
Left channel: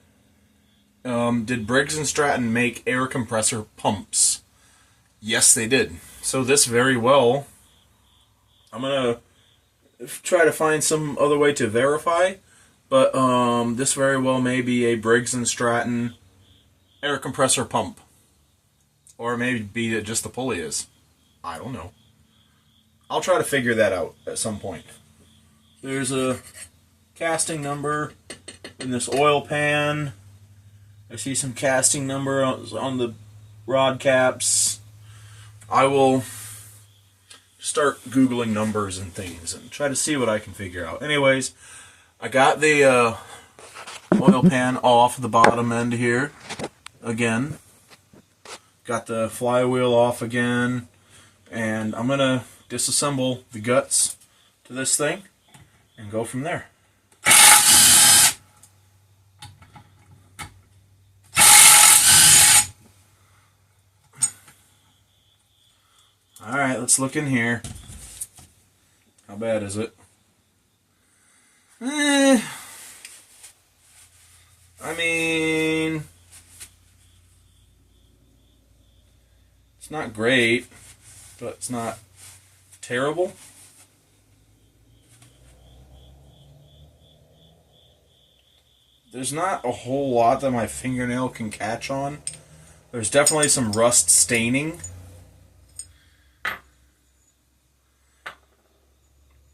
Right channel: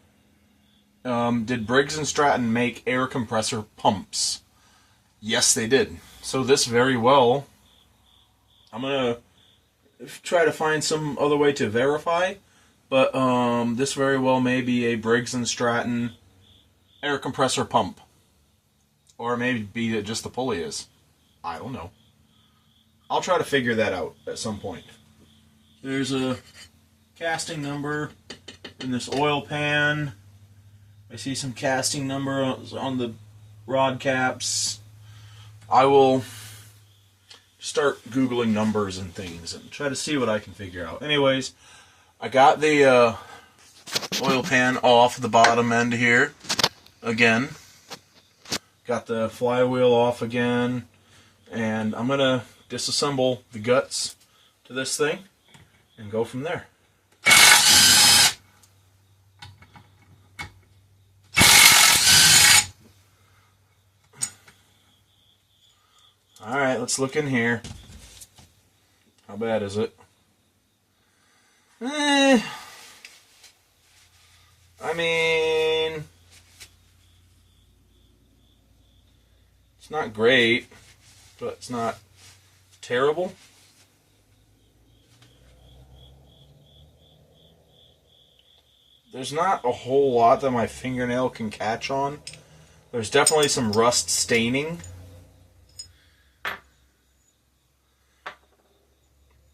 Did Briggs & Stratton make air compressor pumps? Yes, they did. So this very well, I'm going to try to find some other way to verify, but this very well may be a Briggs & Stratton air compressor pump. Or maybe that just the pulley is. I don't know. I'll try to figure that out at some point. There's a casting number in this oil pan. I see some casting number on the rod caps. I will start Googling numbers and things and try to see what I can figure out. Anyways, I got the oil pan off the bottom end here again. Got the flywheel off again. And I'm going to disassemble the guts to this thing and go from there. Alright, let's look in here. How bad is it? I mean, it's not great, but it's not terrible. There's not a whole lot that my fingernail can catch on. There's definitely some rust staining.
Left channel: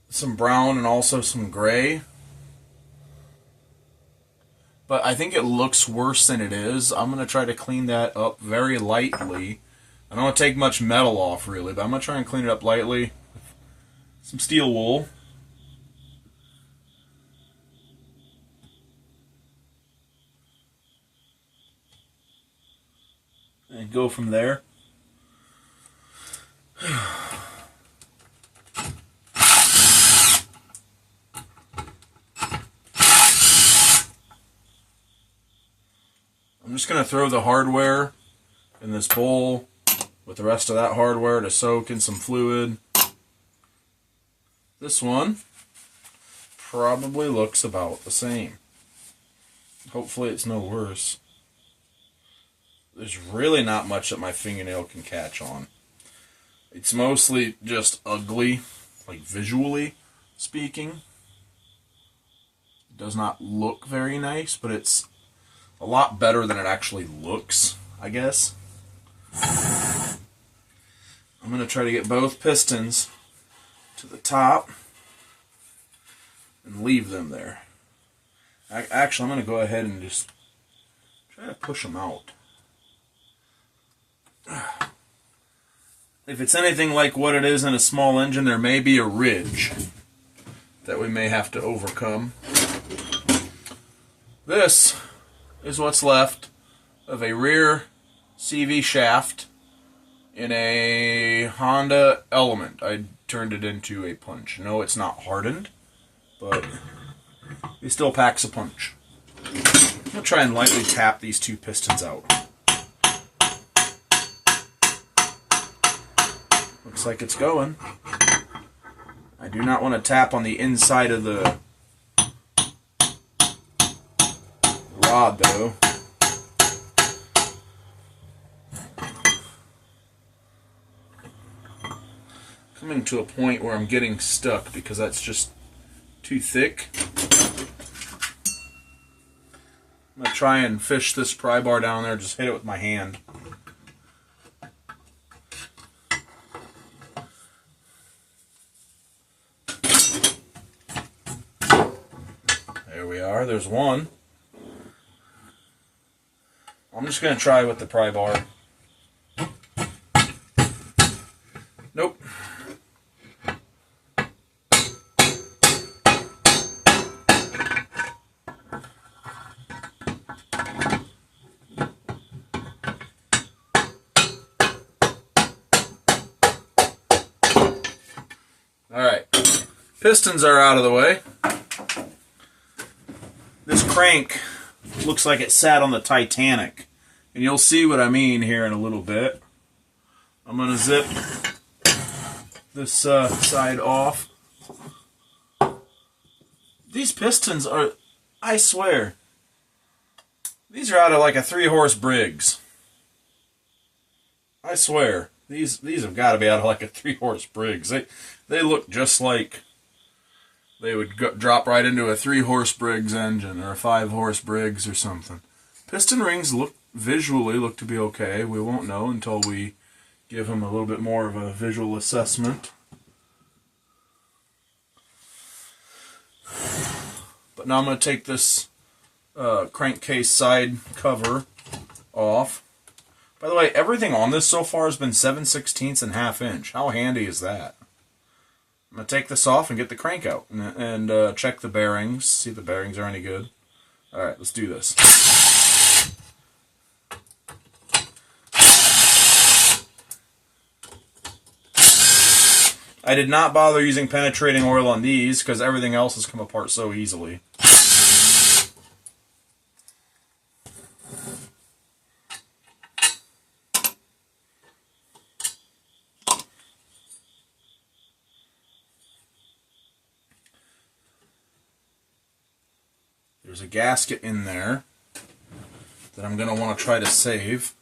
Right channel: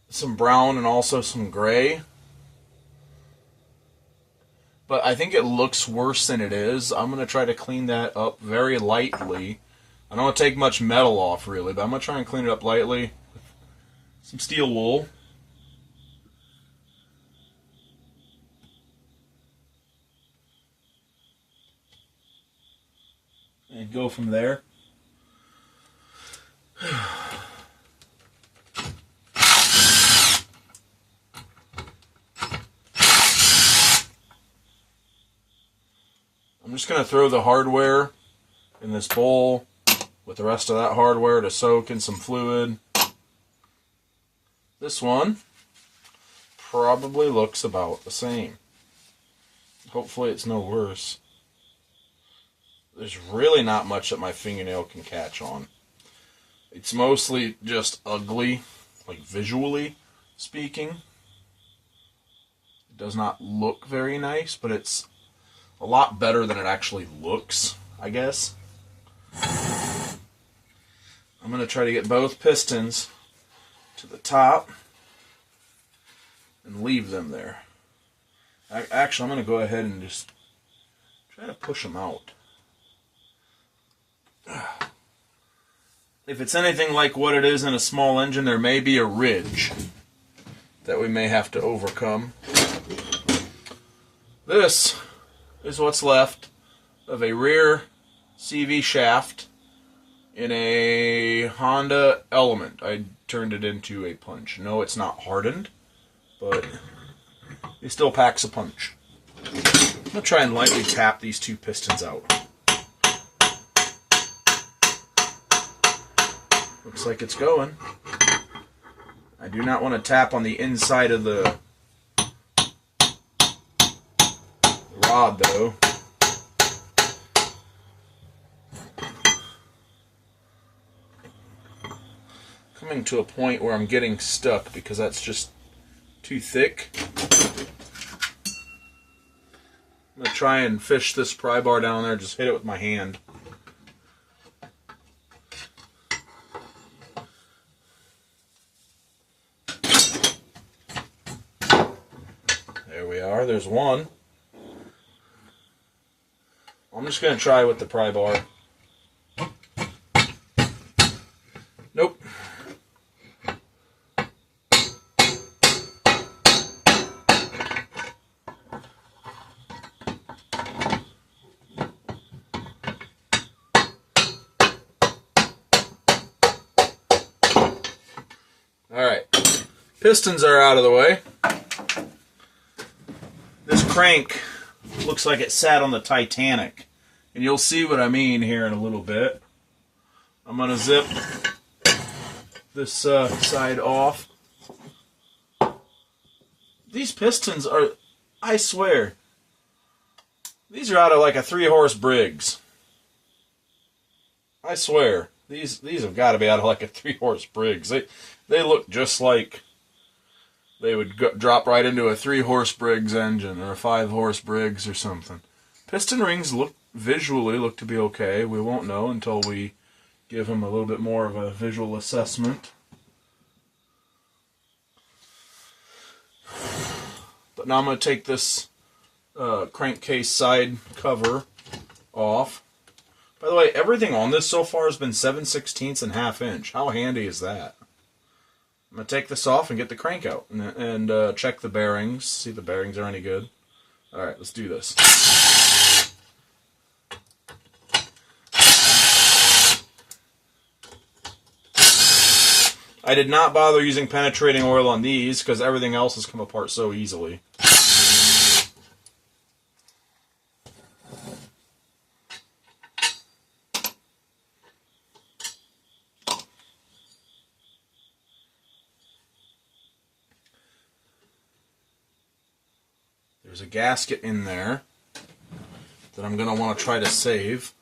Some brown and also some gray. But I think it looks worse than it is. I'm going to try to clean that up very lightly. I don't want to take much metal off really, but I'm going to try and clean it up lightly with some steel wool. And go from there. I'm just going to throw the hardware in this bowl with the rest of that hardware to soak in some fluid. This one probably looks about the same. Hopefully it's no worse. There's really not much that my fingernail can catch on. It's mostly just ugly, like visually speaking. It does not look very nice, but it's a lot better than it actually looks, I guess. I'm going to try to get both pistons to the top and leave them there. Actually, I'm going to go ahead and just try to push them out. If it's anything like what it is in a small engine, there may be a ridge that we may have to overcome. This is what's left of a rear CV shaft in a Honda Element. I turned it into a punch. No, it's not hardened, but it still packs a punch. I'll try and lightly tap these two pistons out. Looks like it's going. I do not want to tap on the inside of the rod, though. Coming to a point where I'm getting stuck because that's just too thick. I'm going to try and fish this pry bar down there, just hit it with my hand. There we are, there's one. I'm just going to try with the pry bar. Nope. Alright, pistons are out of the way. This crank looks like it sat on the Titanic, and you'll see what I mean here in a little bit. I'm going to zip this side off. These pistons are, I swear, these are out of like a 3-horse Briggs. I swear, these have got to be out of like a 3-horse Briggs. They look just like they would drop right into a 3-horse Briggs engine or a 5-horse Briggs or something. Piston rings visually look to be okay. We won't know until we give them a little bit more of a visual assessment. But now I'm going to take this crankcase side cover off. By the way, everything on this so far has been 7/16 and 1/2 inch. How handy is that? I'm going to take this off and get the crank out and check the bearings, see if the bearings are any good. Alright, let's do this. I did not bother using penetrating oil on these because everything else has come apart so easily. There's a gasket in there that I'm going to want to try to save.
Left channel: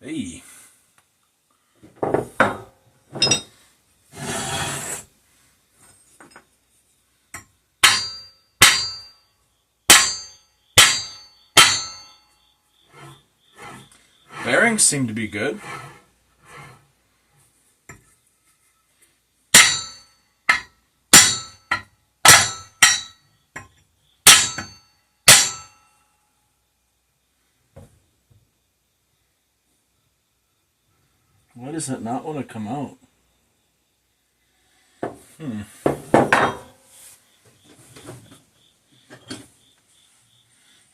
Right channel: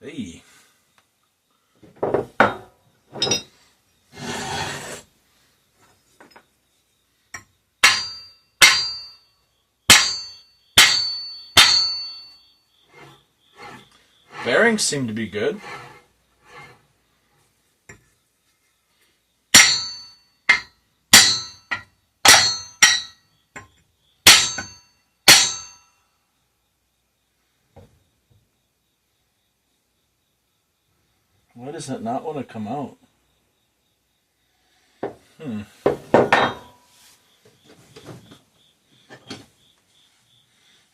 Hey. Bearings seem to be good. Why does it not want to come out?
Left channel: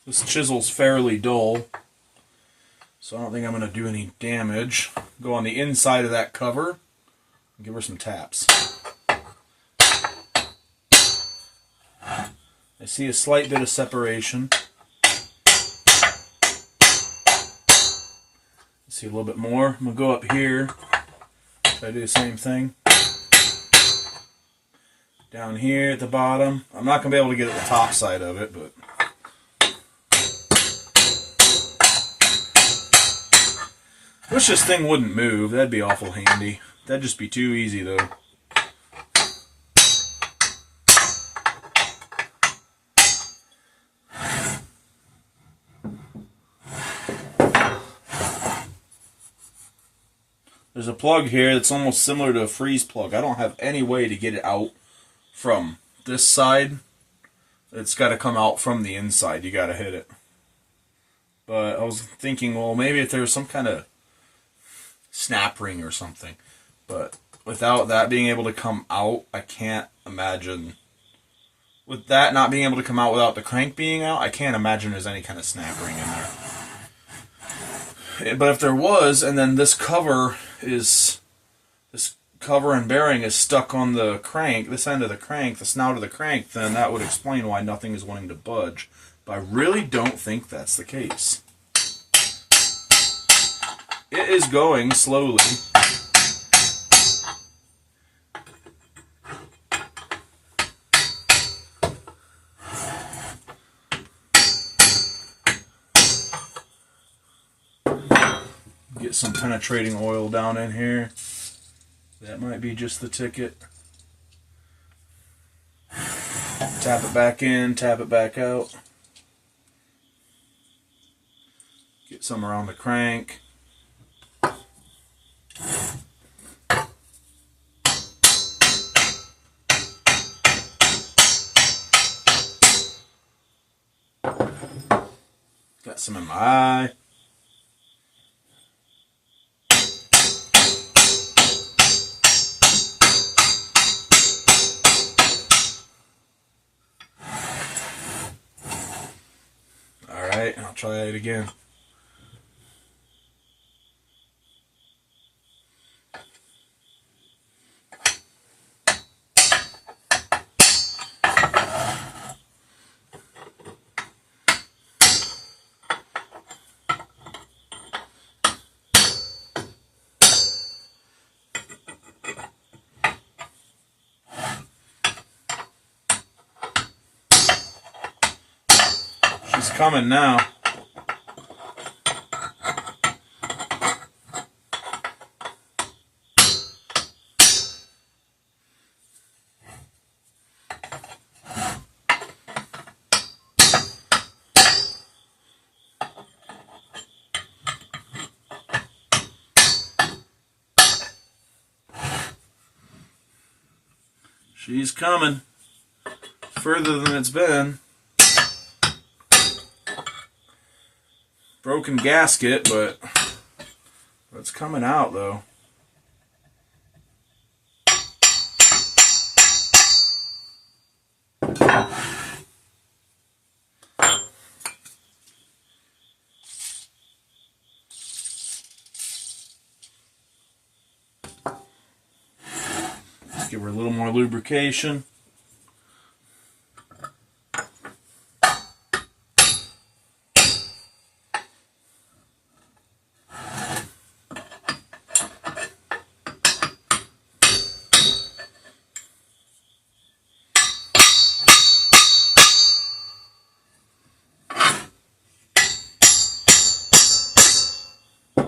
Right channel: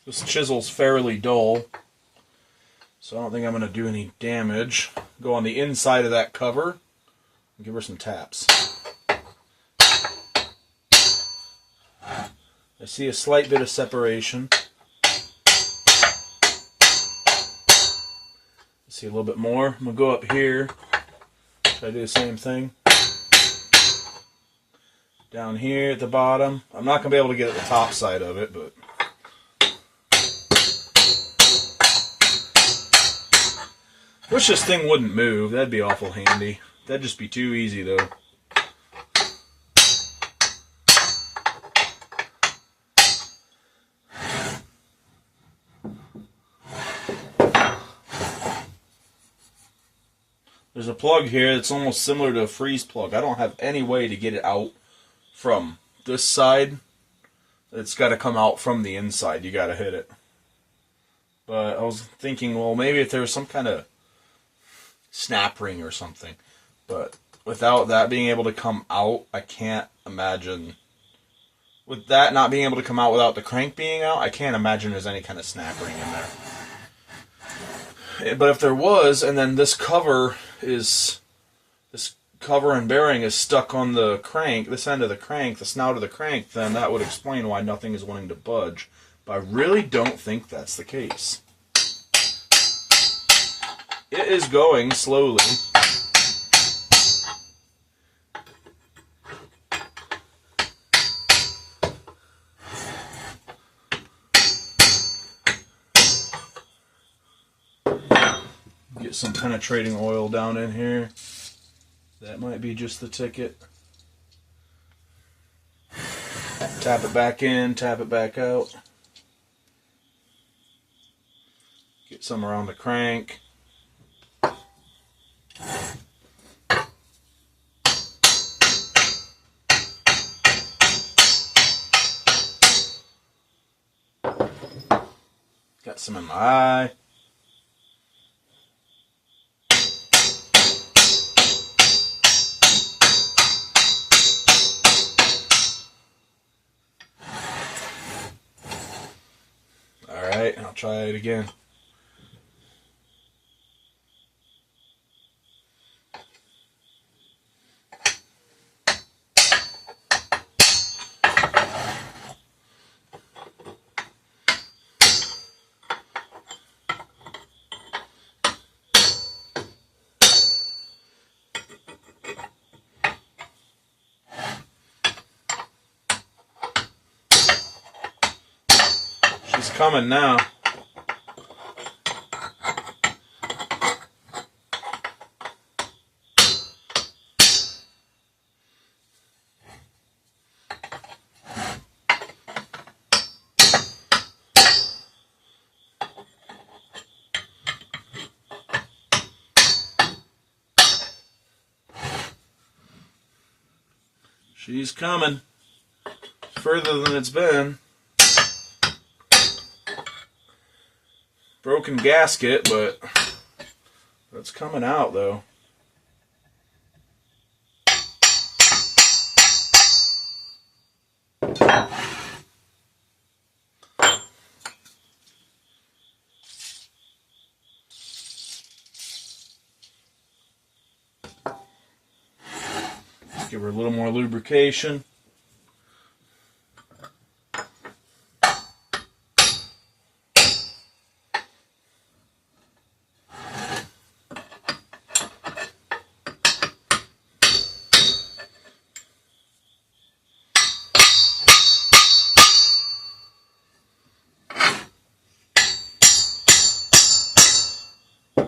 This chisel's fairly dull, so I don't think I'm going to do any damage. Go on the inside of that cover and give her some taps. I see a slight bit of separation. See a little bit more. I'm going to go up here. Try to do the same thing. Down here at the bottom. I'm not going to be able to get at the top side of it, but... Wish this thing wouldn't move. That'd be awful handy. That'd just be too easy, though. There's a plug here that's almost similar to a freeze plug. I don't have any way to get it out from this side. It's got to come out from the inside. You got to hit it. But I was thinking, well, maybe if there was some kind of snap ring or something. But without that being able to come out, I can't imagine. With that not being able to come out without the crank being out, I can't imagine there's any kind of snap ring in there. But if there was, and then this cover and bearing is stuck on the crank, this end of the crank, the snout of the crank, then that would explain why nothing is wanting to budge. But I really don't think that's the case. It is going slowly. Get some penetrating oil down in here. That might be just the ticket. Tap it back in, tap it back out. Get some around the crank. Got some in my eye. Alright, I'll try it again. She's coming now. She's coming. Further than it's been. Broken gasket, but it's coming out though. Give her a little more lubrication.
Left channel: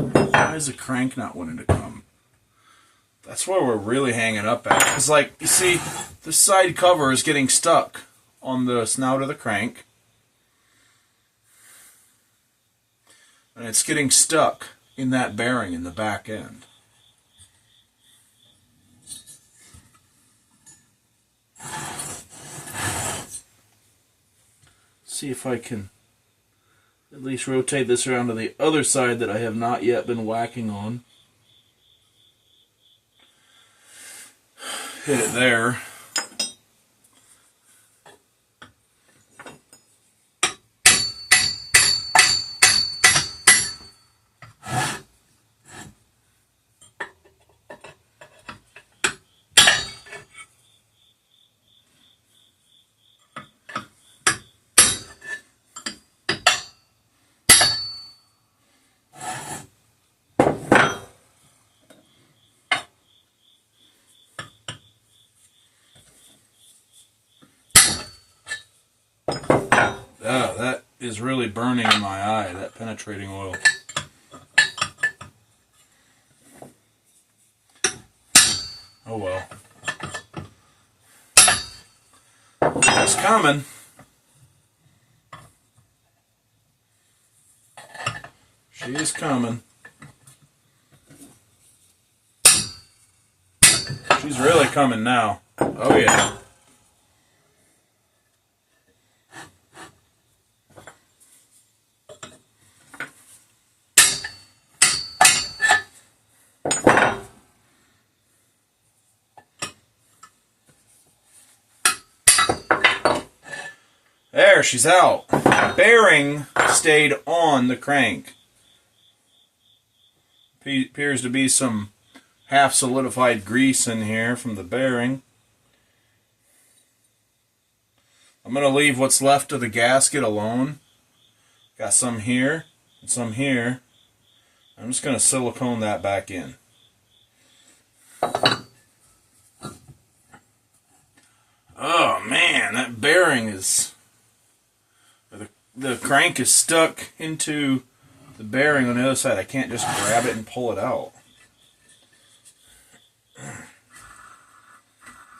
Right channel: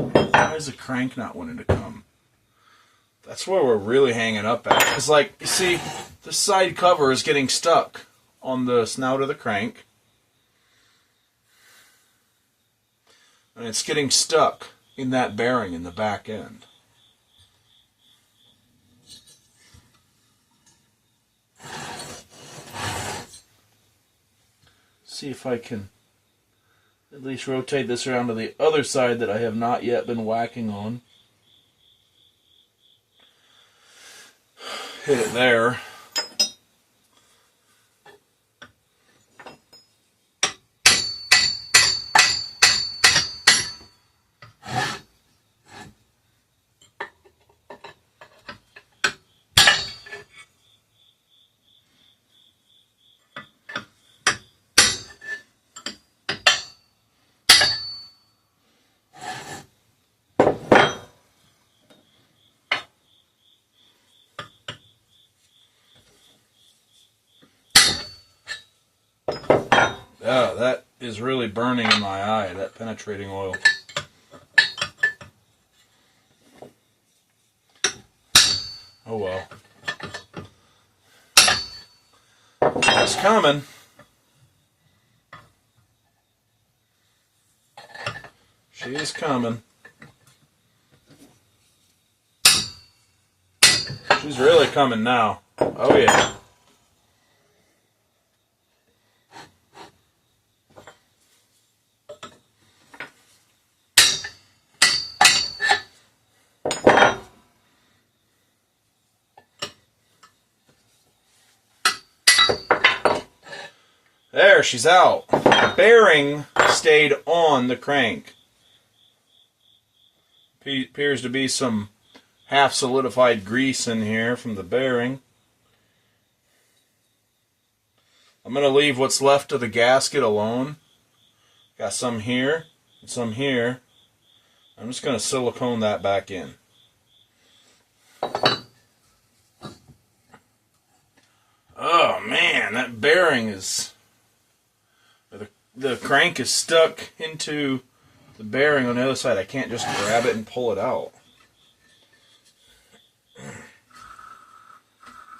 Why is the crank not wanting to come? That's where we're really hanging up at. It's like, you see, the side cover is getting stuck on the snout of the crank. And it's getting stuck in that bearing in the back end. See if I can at least rotate this around to the other side that I have not yet been whacking on. Hit it there. Oh, that is really burning in my eye, that penetrating oil. Oh well. It's coming. She is coming. She's really coming now. Oh yeah. There, she's out. The bearing stayed on the crank. Appears to be some half solidified grease in here from the bearing. I'm going to leave what's left of the gasket alone. Got some here and some here. I'm just going to silicone that back in. Oh man, that bearing is... The crank is stuck into the bearing on the other side. I can't just grab it and pull it out.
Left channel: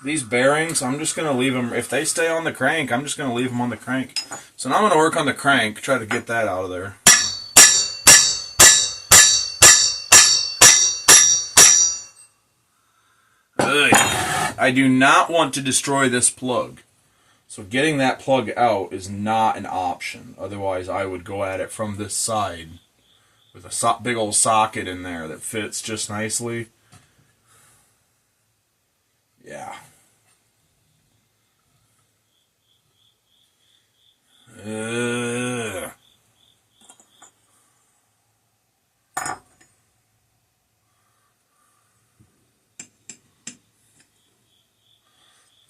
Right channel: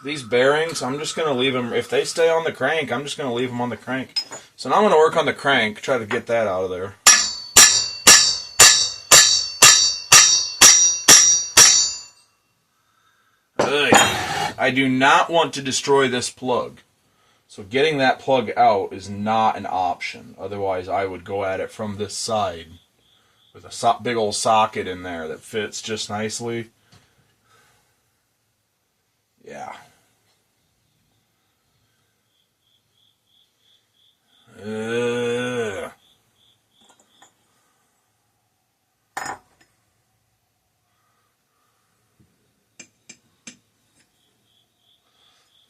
These bearings, I'm just going to leave them. If they stay on the crank, I'm just going to leave them on the crank. So now I'm going to work on the crank, try to get that out of there. Ugh. I do not want to destroy this plug. So getting that plug out is not an option. Otherwise, I would go at it from this side with a big old socket in there that fits just nicely. Yeah.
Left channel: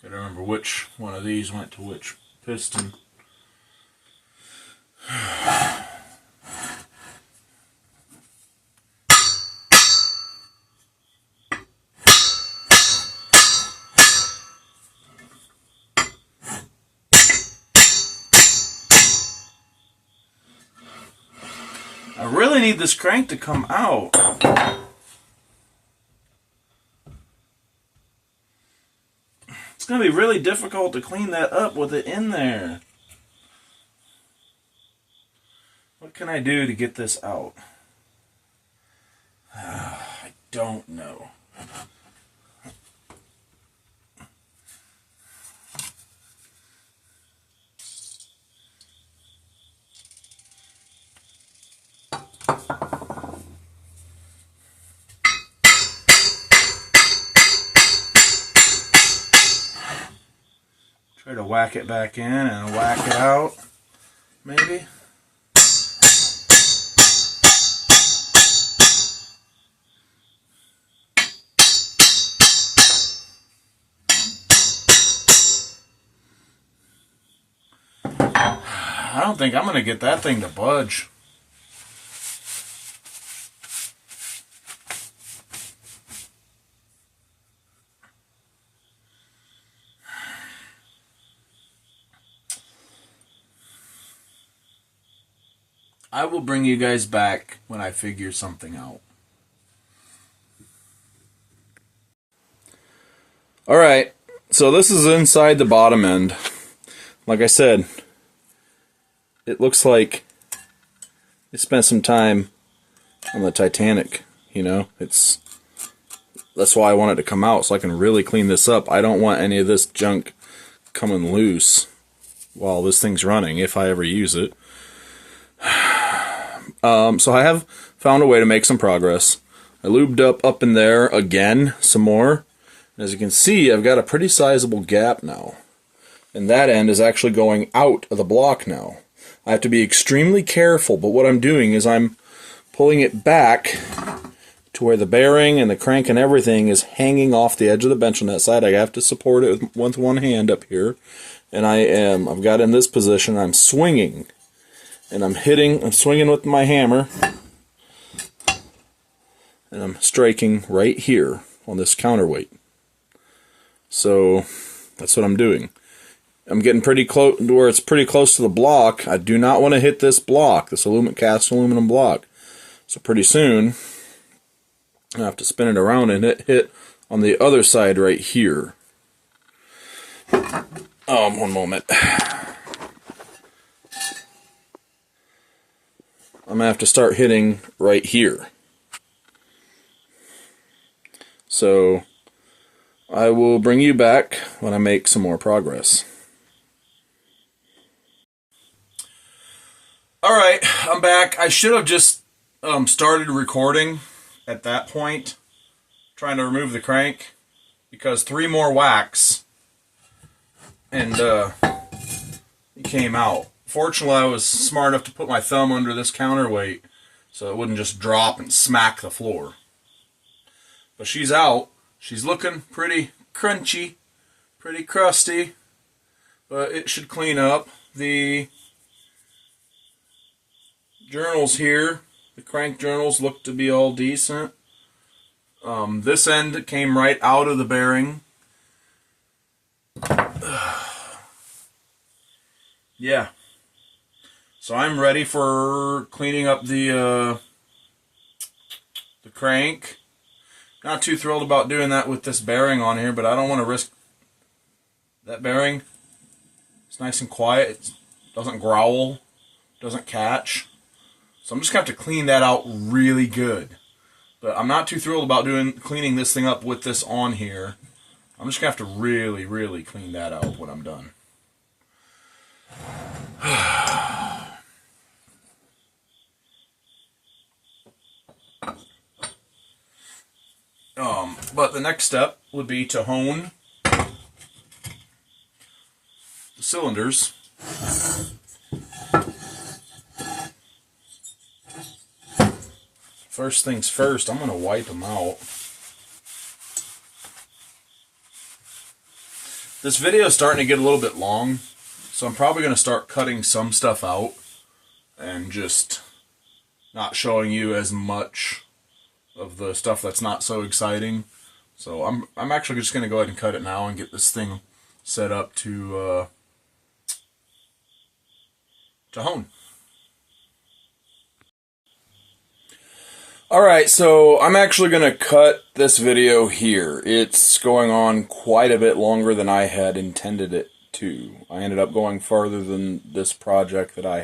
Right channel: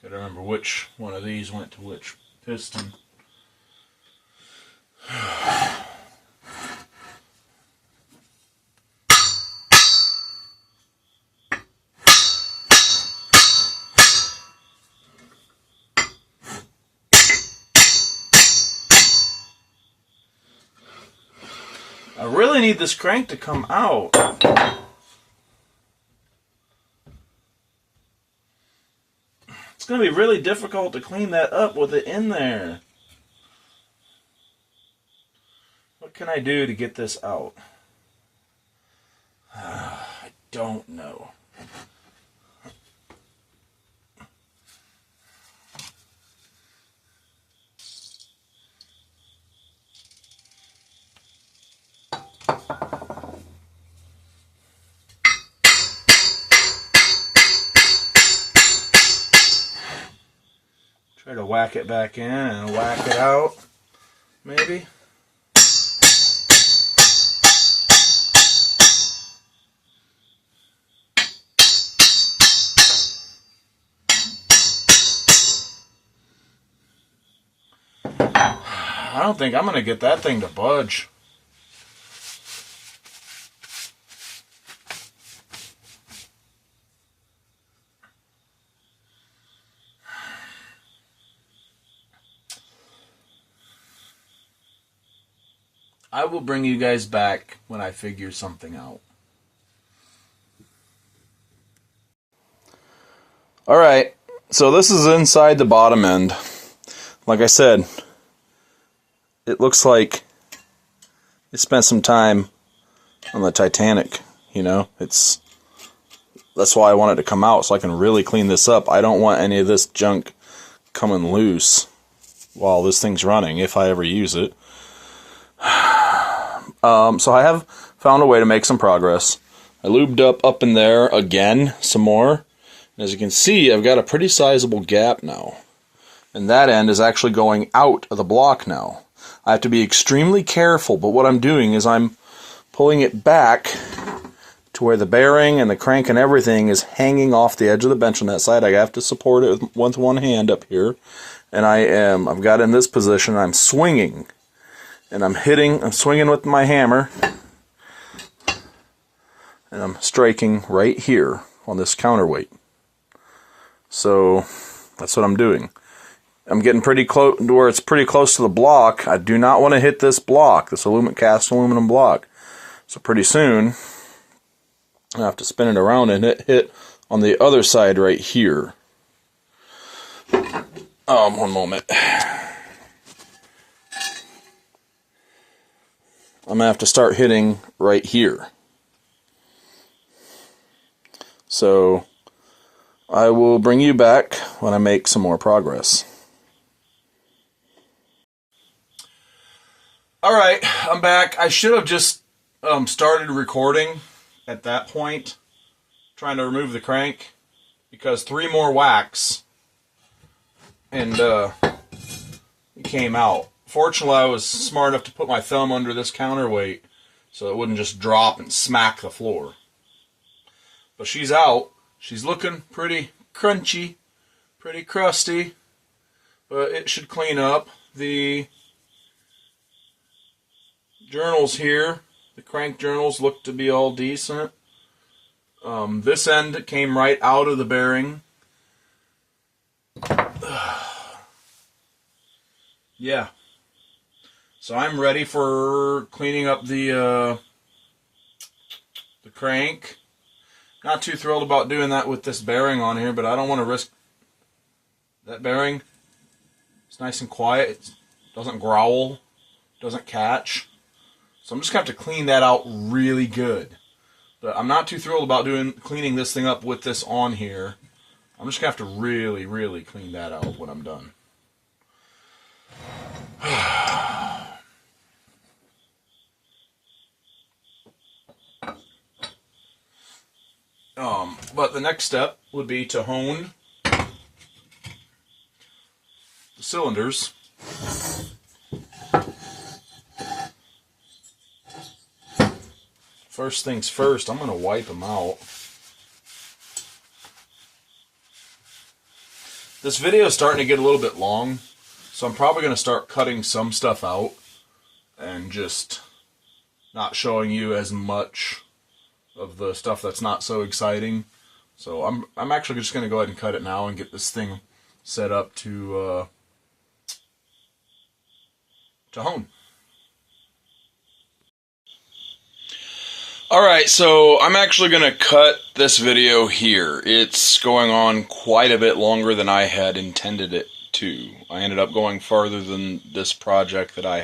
Gotta remember which one of these went to which piston. I really need this crank to come out. It's going to be really difficult to clean that up with it in there. What can I do to get this out? I don't know. Try to whack it back in and whack it out, maybe. I don't think I'm going to get that thing to budge. I will bring you guys back when I figure something out. Alright, so this is inside the bottom end. Like I said, it looks like it spent some time on the Titanic, you know? That's why I want it to come out, so I can really clean this up. I don't want any of this junk coming loose while this thing's running, if I ever use it. So I have found a way to make some progress. I lubed up in there again, some more. And as you can see, I've got a pretty sizable gap now. And that end is actually going out of the block now. I have to be extremely careful, but what I'm doing is I'm pulling it back to where the bearing and the crank and everything is hanging off the edge of the bench on that side. I have to support it with one hand up here. And I've got in this position, I'm swinging. And I'm swinging with my hammer, and I'm striking right here on this counterweight. So that's what I'm doing. I'm getting pretty close to where it's pretty close to the block. I do not want to hit this block, this cast aluminum block. So pretty soon, I have to spin it around and hit on the other side right here. One moment. I'm going to have to start hitting right here. So I will bring you back when I make some more progress. Alright, I'm back. I should have just started recording at that point, trying to remove the crank, because 3 more whacks and it came out. Fortunately, I was smart enough to put my thumb under this counterweight so it wouldn't just drop and smack the floor. But she's out. She's looking pretty crunchy, pretty crusty, but it should clean up. The journals here, the crank journals, look to be all decent. This end came right out of the bearing. Yeah. So I'm ready for cleaning up the crank. Not too thrilled about doing that with this bearing on here, but I don't want to risk that bearing. It's nice and quiet. It doesn't growl, doesn't catch. So I'm just going to have to clean that out really good. But I'm not too thrilled about cleaning this thing up with this on here. I'm just going to have to really, really clean that out when I'm done. But the next step would be to hone the cylinders. First things first, I'm going to wipe them out. This video is starting to get a little bit long, so I'm probably going to start cutting some stuff out and just not showing you as much of the stuff that's not so exciting. So I'm actually just going to go ahead and cut it now and get this thing set up to hone. Alright, so I'm actually going to cut this video here. It's going on quite a bit longer than I had intended it to. I ended up going farther than this project that I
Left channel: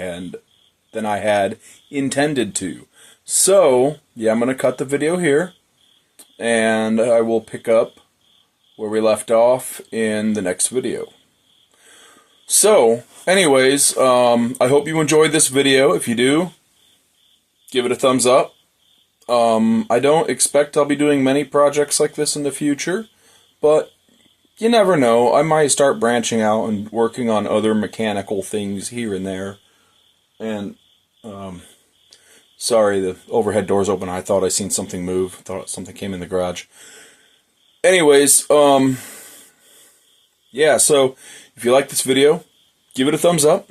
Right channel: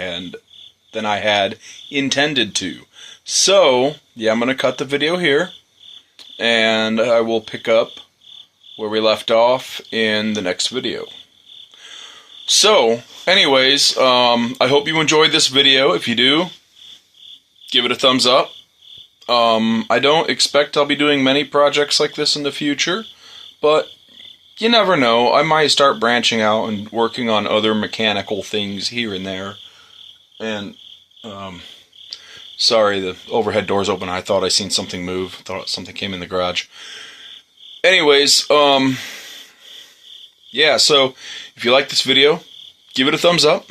had intended to. So, yeah, I'm going to cut the video here, and I will pick up where we left off in the next video. So, anyways, I hope you enjoyed this video. If you do, give it a thumbs up. I don't expect I'll be doing many projects like this in the future, but you never know. I might start branching out and working on other mechanical things here and there. And, sorry, the overhead door's open. I thought I seen something move. I thought something came in the garage. Anyways, yeah, so if you like this video, give it a thumbs up.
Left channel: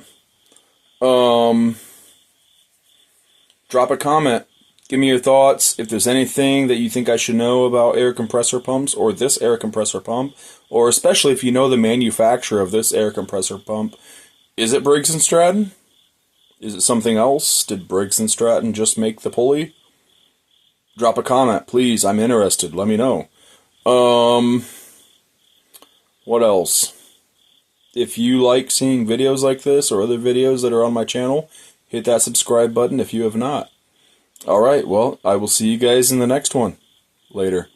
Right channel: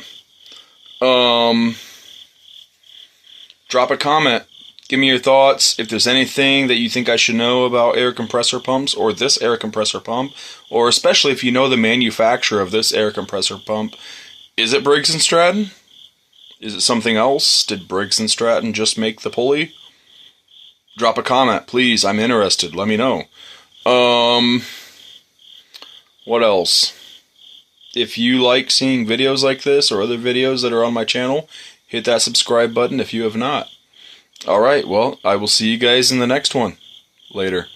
Drop a comment. Give me your thoughts. If there's anything that you think I should know about air compressor pumps or this air compressor pump, or especially if you know the manufacturer of this air compressor pump, is it Briggs & Stratton? Is it something else? Did Briggs & Stratton just make the pulley? Drop a comment, please. I'm interested. Let me know. What else? If you like seeing videos like this or other videos that are on my channel, hit that subscribe button if you have not. Alright, well, I will see you guys in the next one. Later.